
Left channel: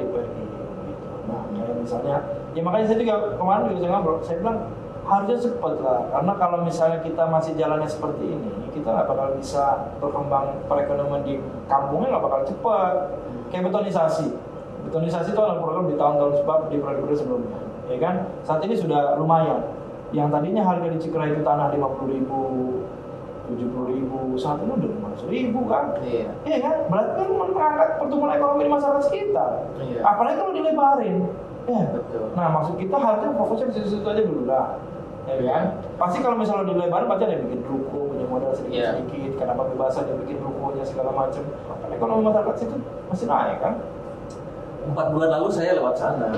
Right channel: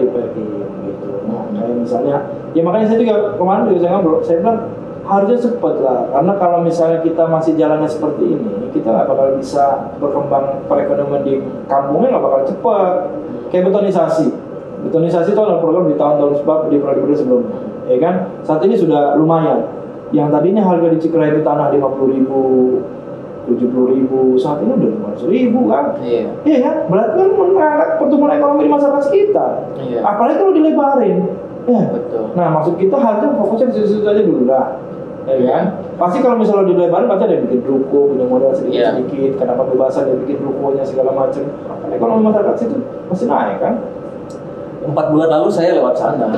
di Perkim gitu. Nah, kayak misalnya ya makanya saya juga kemarin saya ngobrol, saya bilang harusnya cepat lah, karena kalau misalnya kita masih jalannya seperti ini, kita nggak bakal bisa berkembang perekonomian di kampungnya, nggak bakal cepat. Kayak betonisasi itu adalah program di tahun-tahun sebab di periode sebelumnya, ya kan? Saat ini sudah lumayan. Yang tadinya harga di Cikra itu tanah 50.000, 70.000, saat ini udah 500.000 kan? Iya kan? Berarti kan mengangkat pertumbuhan ekonomi di masyarakat sekitar. Apalagi kalau dilebarin. Ya. Betul. Nah, maksud kita harusnya fokusnya di situ aja dulu lah. Ya kan? Pasti kalau misalnya dilebarin pasti ada yang bikin ruko, punya modal sedikit-sedikit, karena pembebasan dia bikin rukonya segala macam. Karena ekonomi masyarakat situ pasti naik kan? 4 bulan lalu saya lewat sana.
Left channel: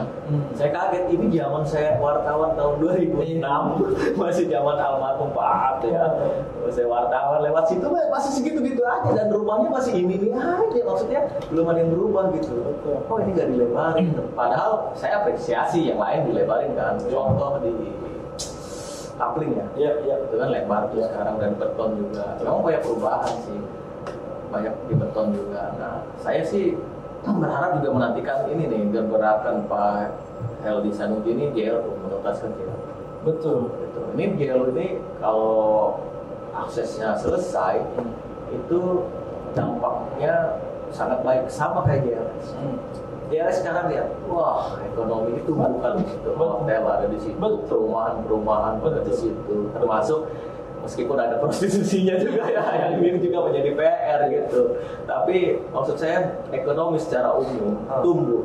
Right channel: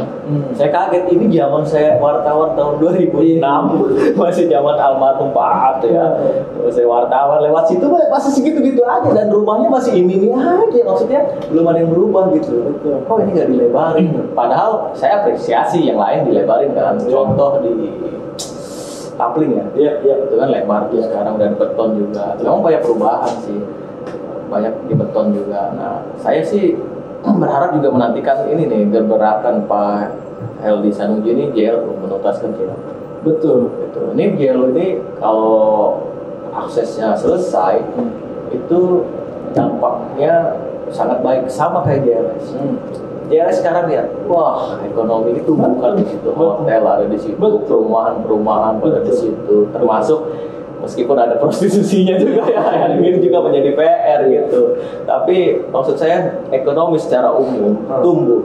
Saya kaget, ini zaman saya wartawan tahun 2006. Masih zaman almarhum Pak At ya. Saya wartawan lewat situ masih segitu-gitu aja, dan rumahnya masih ini aja. Maksudnya belum ada yang berubah gitu. Betul. Oh, ini nggak dilebarin. Padahal saya apresiasi yang lain dilebarin kan. Contoh di Tapling ya. Iya. Itu kan lebar tuh sekarang, dan beton juga. Memang banyak perubahan sih. banyak di beton juga. Nah, saya sih berharap juga menantikan ini nih gebrakan Pak Heldy Sanusi ini JL menuntaskan JL. Betul. Gitu. Ini JL ini kalau aksesnya selesai itu dampaknya sangat baik sama kayak JLS. JLS sekarang lihat, wah ekonomi itu bukan di situ, hotel ada di situ, perumahan ada di situ, termasuk meskipun ada prostitusinya juga ya, yang ini juga menjadi PR gitu. Tapi maksud saya ekonomi secara umum tumbuh.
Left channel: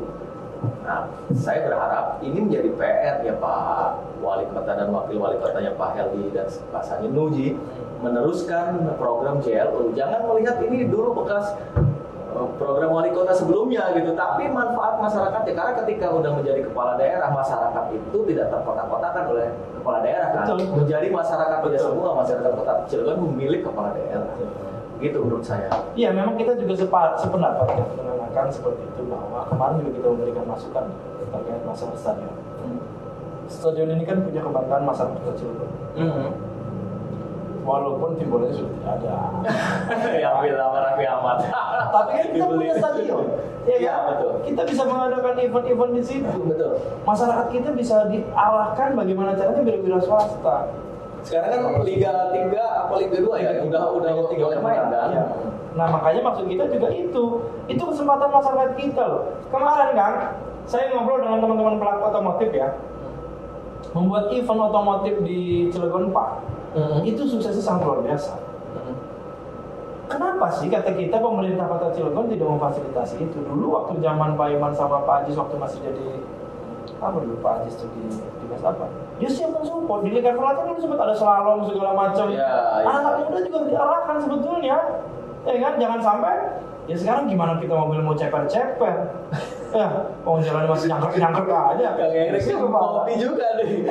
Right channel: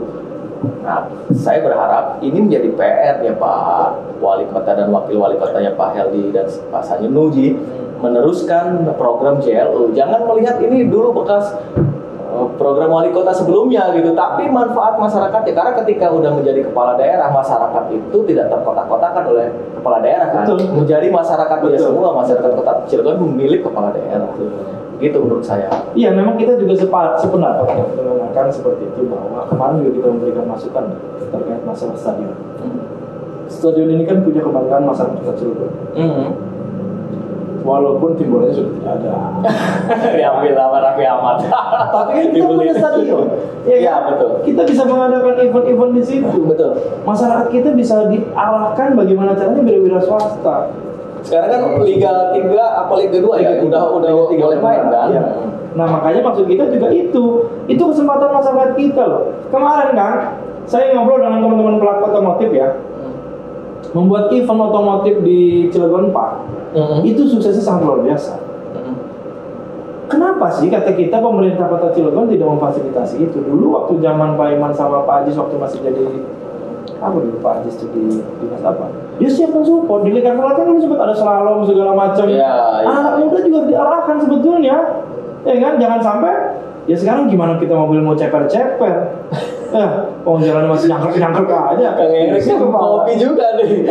Nah, saya berharap ini menjadi PR ya Pak Wali Kota dan Wakil Wali Kotanya Pak Heldy dan Pak Sanusi meneruskan program JLU. Jangan melihat ini dulu bekas program wali kota sebelumnya gitu, tapi manfaat masyarakat ya, karena ketika udah menjadi kepala daerah, masyarakat itu tidak terkotak-kotakan oleh kepala daerah kan. Menjadi masyarakat dia semua, masyarakat kota Cilegon memilih kepala daerah. Gitu menurut saya. Iya, memang kita juga sependapat dengan akan seperti itu, bahwa kemarin juga kita memberikan masukan terkait masalah stadion. Stadion ini kan punya kebanggaan masyarakat kota Cilegon. Walaupun tim bolanya sudah tidak ada. Ya ambil lama Raffi Ahmad. Tapi kan kita punya stadion. Iya, betul. Kita bisa mengadakan event-event di situ. Betul. Masyarakat kita bisa diarahkan bagaimana caranya berwira swasta. Sekarang kan Liga 3 apa Liga 2 ya? Udah Liga 3 udah main kan? Ya. Nah, makanya maksud kita juga itu kesempatan masyarakat kita loh. Kemarin kan saya ngobrol dengan teman-teman pelaku otomotif ya. Membuat event otomotif di Cilegon Park. Itu suksesnya sangat luar biasa. Kenapa sih kata kita pemerintah Kota Cilegon tidak memfasilitasi itu? Dulu waktu zaman Pak Iman sama Pak Ajis waktu masih jadi apa dulu Pak Ajis itu di dinas apa? Dia siap mensupport. Di Lingkar Selatan dulu sempat ada slalom segala macam. Anak muda juga diarahkan sebetulnya. Ya kan, jangan sampai ya sekarang gimana kita mobil mau ceper-ceper. Jalannya masih nyangkep aja. Kang Eriknya hobi juga nih.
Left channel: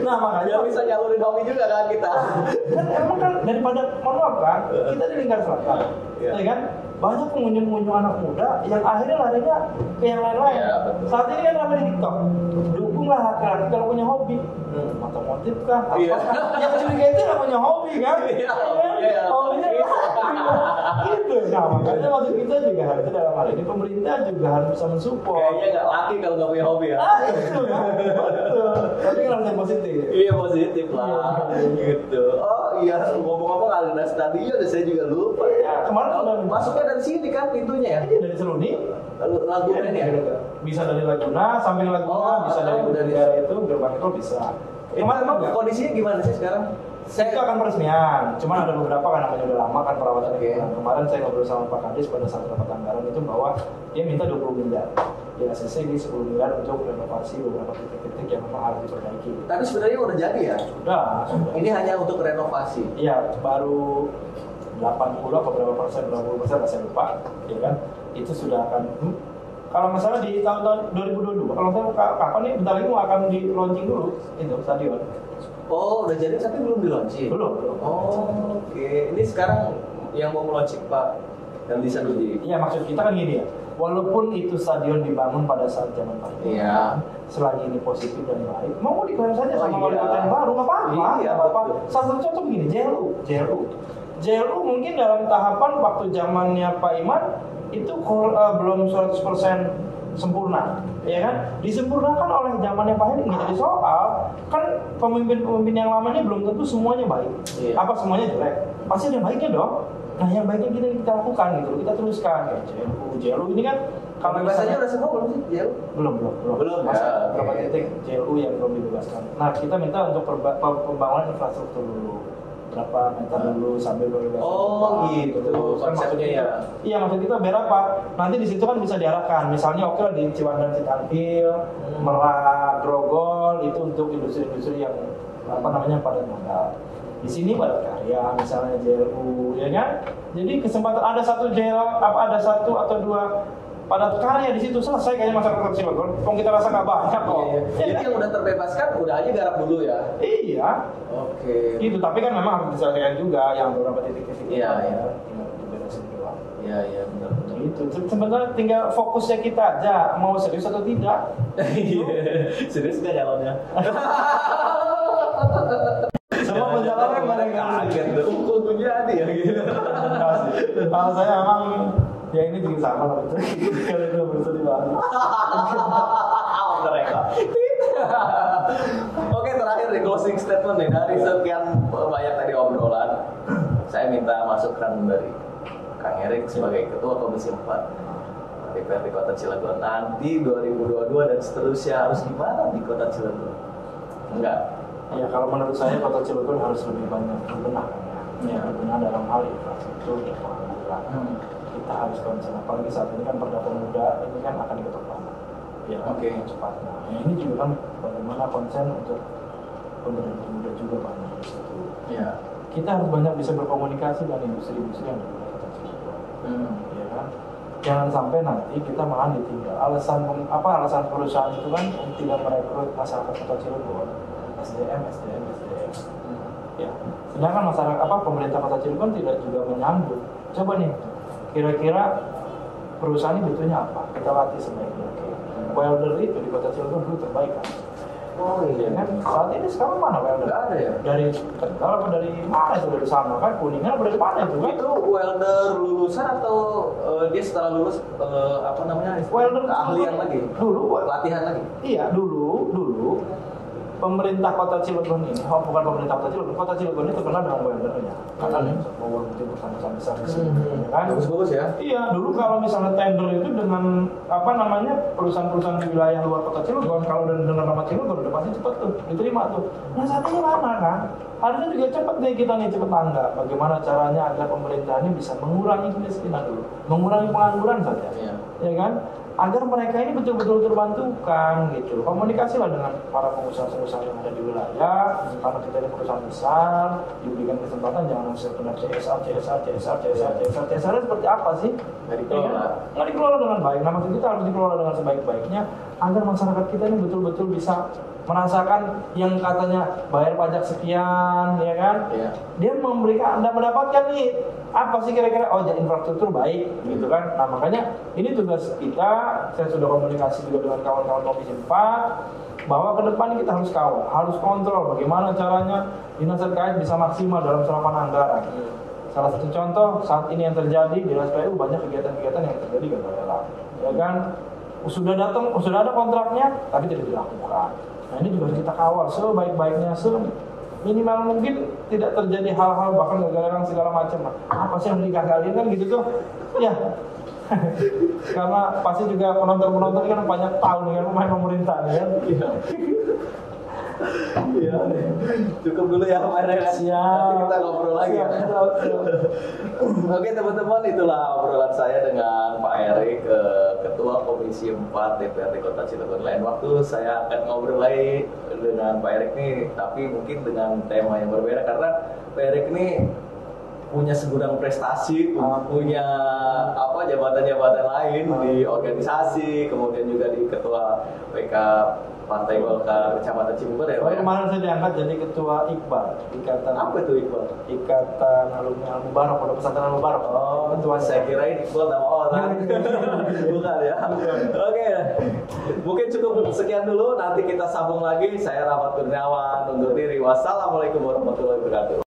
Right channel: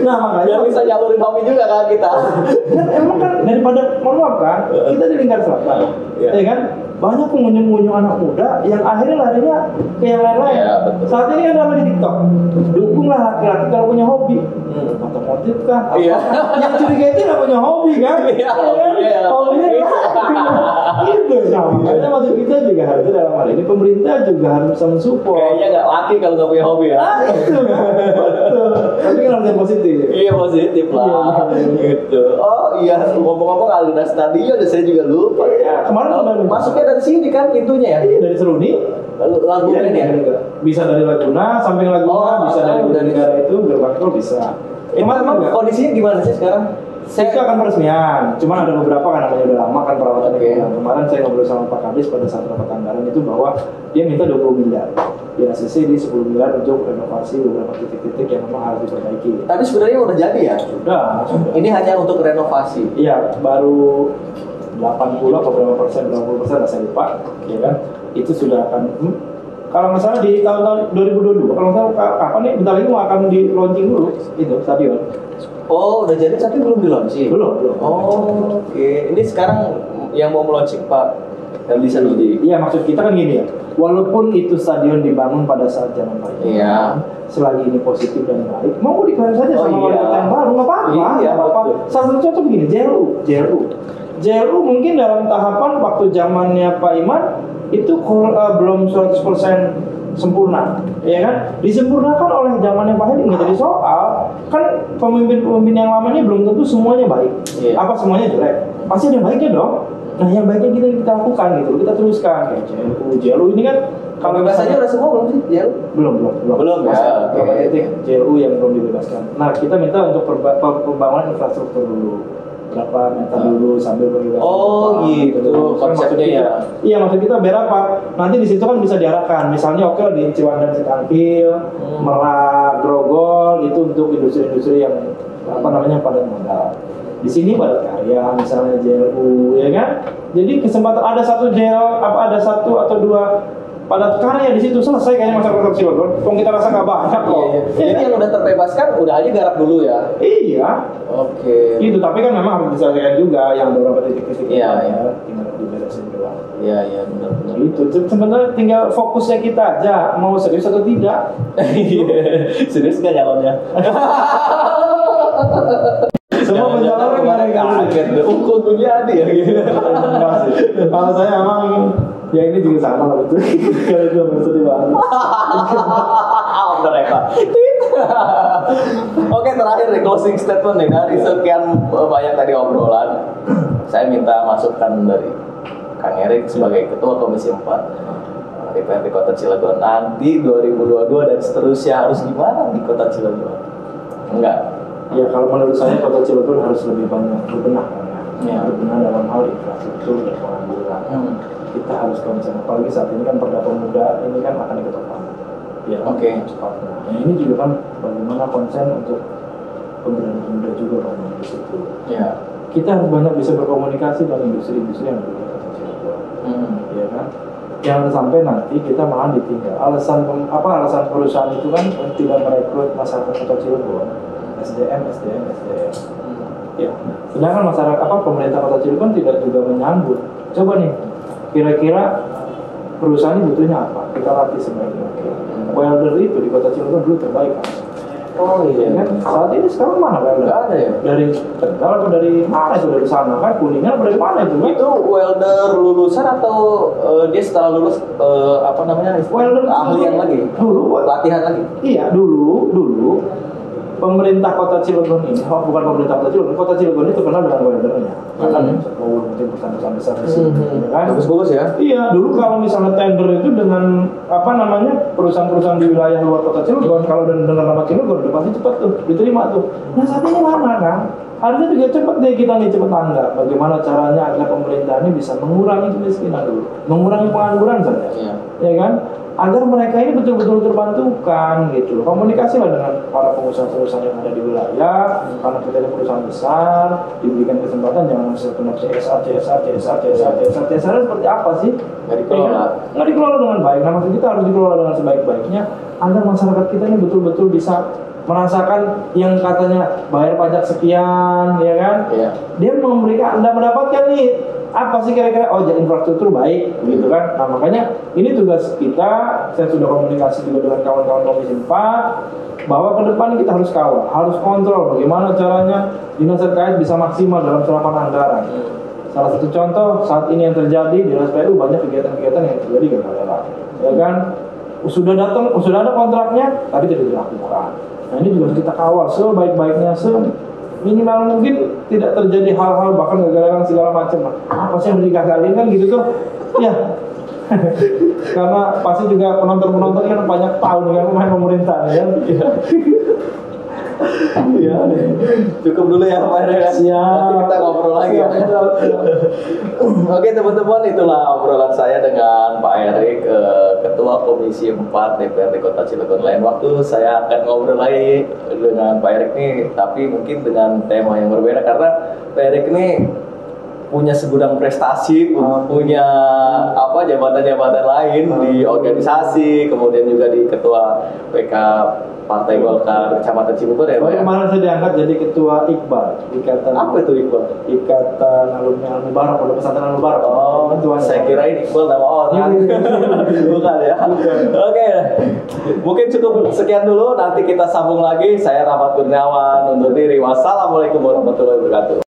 Nah, makanya bisa nyalurin hobi juga kan kita. Kan emang kan daripada mohon kan, kita di Lingkar Selatan. Ya kan? Banyak pengunjung-pengunjung anak muda yang akhirnya larinya ke yang lain-lain. Saat ini kan ramai di TikTok. Dukunglah laki-laki kalau punya hobi. Otomotif kah? Yang curiga itu nggak punya hobi kan? Hobinya gitu. Nah, makanya maksud kita juga harusnya dalam hal ini pemerintah juga harus bisa mensupport. Kayaknya nggak laki kalau nggak punya hobi ya. Itu kan, betul. Tapi kan harus yang positif. Iya positif lah. Gitu. Oh iya, ngomong-ngomong Aluna Stadion, saya juga lupa. Kemarin masuknya dari sini kan pintunya ya? Iya, dari Seruni. Laguna ya? Bisa dari Laguna, samping Laguna, bisa dari negara itu, gerbang tol bisa. Emang kondisinya gimana sih sekarang? Itu akan peresmian, cuman ada beberapa kan namanya udah lama kan perawatannya kurang. Kemarin saya ngobrol sama Pak Kadis pada saat rapat anggaran itu bahwa dia minta 20 miliar. Di ACC di 10 miliar untuk renovasi beberapa titik-titik yang memang harus diperbaiki. Tapi sebenarnya udah jadi ya? Sudah. Ini hanya untuk renovasi? Iya, baru 80 atau berapa persen, saya lupa, ya kan? Itu sudah akan kalau nggak salah di tahun 2022, kalau nggak salah kapan nih, bentar lagi mau akan di launching dulu itu stadion. Oh, udah jadi tapi belum di launching? Belum. Oh, oke. Ini sekarang yang mau launching Pak Heldy Sanusi. Iya, maksud kita kan gini ya. Walaupun itu stadion dibangun pada saat zaman Pak Iman, selagi ini positif dan baik, mau diklaim saja sama wali kota yang baru, nggak apa-apa. Iya, apa-apa. Salah satu contoh begini, JLU mungkin dalam tahapan waktu zamannya Pak Iman itu belum 100% sempurna, ya kan? Disempurnakan oleh zamannya Pak Heldy, nggak jadi soal. Kan pemimpin yang lama ini belum tentu semuanya baik. Apa semuanya jelek? Pasti ada yang baiknya dong. Nah, yang baiknya kita lakukan gitu, kita teruskan kayak JLU ini kan. Kalau bebasnya udah semua belum sih JLU? Belum ya. Beberapa titik JLU yang belum dibebaskan. Nah, kita minta untuk pembangunan infrastruktur dulu. Berapa meter dulu sambil pembebasan. Oh gitu. Konsepnya ya. Iya, maksud kita berapa? Nanti di situ kan bisa diarahkan. Misalnya oke di Ciwandan Setampil, Merak, Grogol itu untuk industri-industri yang padat modal. Di sini padat karya, misalnya JLU, ya kan? Jadi kesempatan ada satu atau dua padat karya di situ, selesai kayaknya masyarakat Cilegon. Kok kita rasa nggak banyak kok. Jadi yang udah terbebaskan udah aja garap dulu ya. Iya. Oke. Itu tapi kan memang harus diselesaikan juga yang beberapa titik-titik tinggal diberesin doang. Iya benar. Itu sebenarnya tinggal fokusnya kita aja mau serius atau tidak. Serius nggak nyalonnya? Semua pencalonan nggak ada yang kaget. Kok jadi ya gitu. Kalau saya memang ya ini juga sama lah betul. Kalau itu maksudnya banget. Udah Eka. Oke, terakhir nih closing statement nih dari sekian banyak tadi obrolan. Saya minta masukan dari Kang Erik sebagai Ketua Komisi 4 DPRD Kota Cilegon nanti 2022 dan seterusnya harus gimana di Kota Cilegon? Enggak. Ya kalau menurut saya Kota Cilegon harus lebih banyak berbenah ya. Berbenah dalam hal infrastruktur dan pengangguran. Kita harus konsen, apalagi saat ini kan Perda Pemuda ini kan akan diketok palu. Ya, cepatnya. Nah, ini juga kan bagaimana konsen untuk pemberdayaan pemuda juga banyak di situ. Ya. Kita harus banyak bisa berkomunikasi dengan industri-industri yang ada di Kota Cilegon. Ya kan? Jangan sampai nanti kita malah ditinggal. Alasan perusahaan itu kan tidak merekrut masyarakat Kota Cilegon, SDM. Ya. Sedangkan pemerintah Kota Cilegon tidak juga menyambut. Coba nih, kira-kira perusahaan ini butuhnya apa? Kita latih sebaik mungkin. Welder itu di Kota Cilegon dulu terbaik kan? Oh iya kan? Saat ini sekarang mana welder? Nggak ada ya? Dari Tegal atau dari mana itu? Dari sana kan? Kuningan atau dari mana itu kan? Itu welder lulusan atau dia setelah lulus welder ahlian lagi? Dulu latihan lagi? Iya dulu pemerintah Kota Cilegon ini, bukan pemerintah Kota Cilegon itu terkenal dengan weldernya. Karena mungkin perusahaan besar di sini, kan? Bagus ya? Iya, dulu kalau misalnya tender itu dengan perusahaan-perusahaan di wilayah luar Kota Cilegon, kalau dengan nama Cilegon udah pasti cepat tuh diterima tuh. Nah saat ini mana kan? Harusnya juga cepat deh kita nih cepat tanggap. Bagaimana caranya agar pemerintah ini bisa mengurangi kemiskinan dulu, mengurangi pengangguran saja, ya kan? Agar mereka ini betul-betul terbantukan gitu. Komunikasilah dengan para pengusaha-pengusaha yang ada di wilayah, karena kita ini perusahaan besar, diberikan kesempatan jangan sekedar CSR seperti apa sih? Nggak dikelola dengan baik. Nah maksud kita harus dikelola dengan sebaik-baiknya agar masyarakat kita ini betul-betul bisa merasakan yang katanya bayar pajak sekian, ya kan? Dia memberikan Anda mendapatkan nih apa sih kira-kira infrastruktur baik gitu kan. Nah makanya ini tugas kita. Saya sudah komunikasi juga dengan kawan-kawan Komisi 4 bahwa ke depan kita harus kawal, harus kontrol bagaimana caranya dinas terkait bisa maksimal dalam serapan anggaran. Salah satu contoh saat ini yang terjadi di Dinas PU banyak kegiatan-kegiatan yang terjadi gagal lelang, ya kan? Sudah ada kontraknya tapi tidak dilakukan. Nah ini juga harus kita kawal sebaik-baiknya, minimal mungkin tidak terjadi hal-hal bahkan gagal segala macam. Apa sih yang harus digagalin kan gitu tuh? Ya. Karena pasti juga penonton kan banyak tahun kan pemain pemerintah ya. Iya. Cukup dulu ya Pak Erik. Siap. Nanti kita ngobrol lagi ya. Oke teman-teman, itulah obrolan saya dengan Pak Erik, Ketua Komisi 4 DPRD Kota Cilegon. Lain waktu saya akan ngobrol lagi dengan Pak Erik nih, tapi mungkin dengan tema yang berbeda karena Pak Erik ini punya segudang prestasi, punya jabatan-jabatan lain di organisasi, kemudian juga di Ketua PK Partai Golkar Kecamatan Cibubur ya Pak ya? Kemarin saya diangkat jadi Ketua IKBAR, Ikatan. Apa itu IKBAR? Ikatan Alumni Al-Mubarak, Pondok Pesantren Al-Mubarak. Oh, saya kira ini Iqbal nama orang. Bukan ya? Oke. Mungkin cukup sekian dulu, nanti kita sambung lagi. Saya Rahmat Kurniawan undur diri. Wassalamualaikum warahmatullahi wabarakatuh.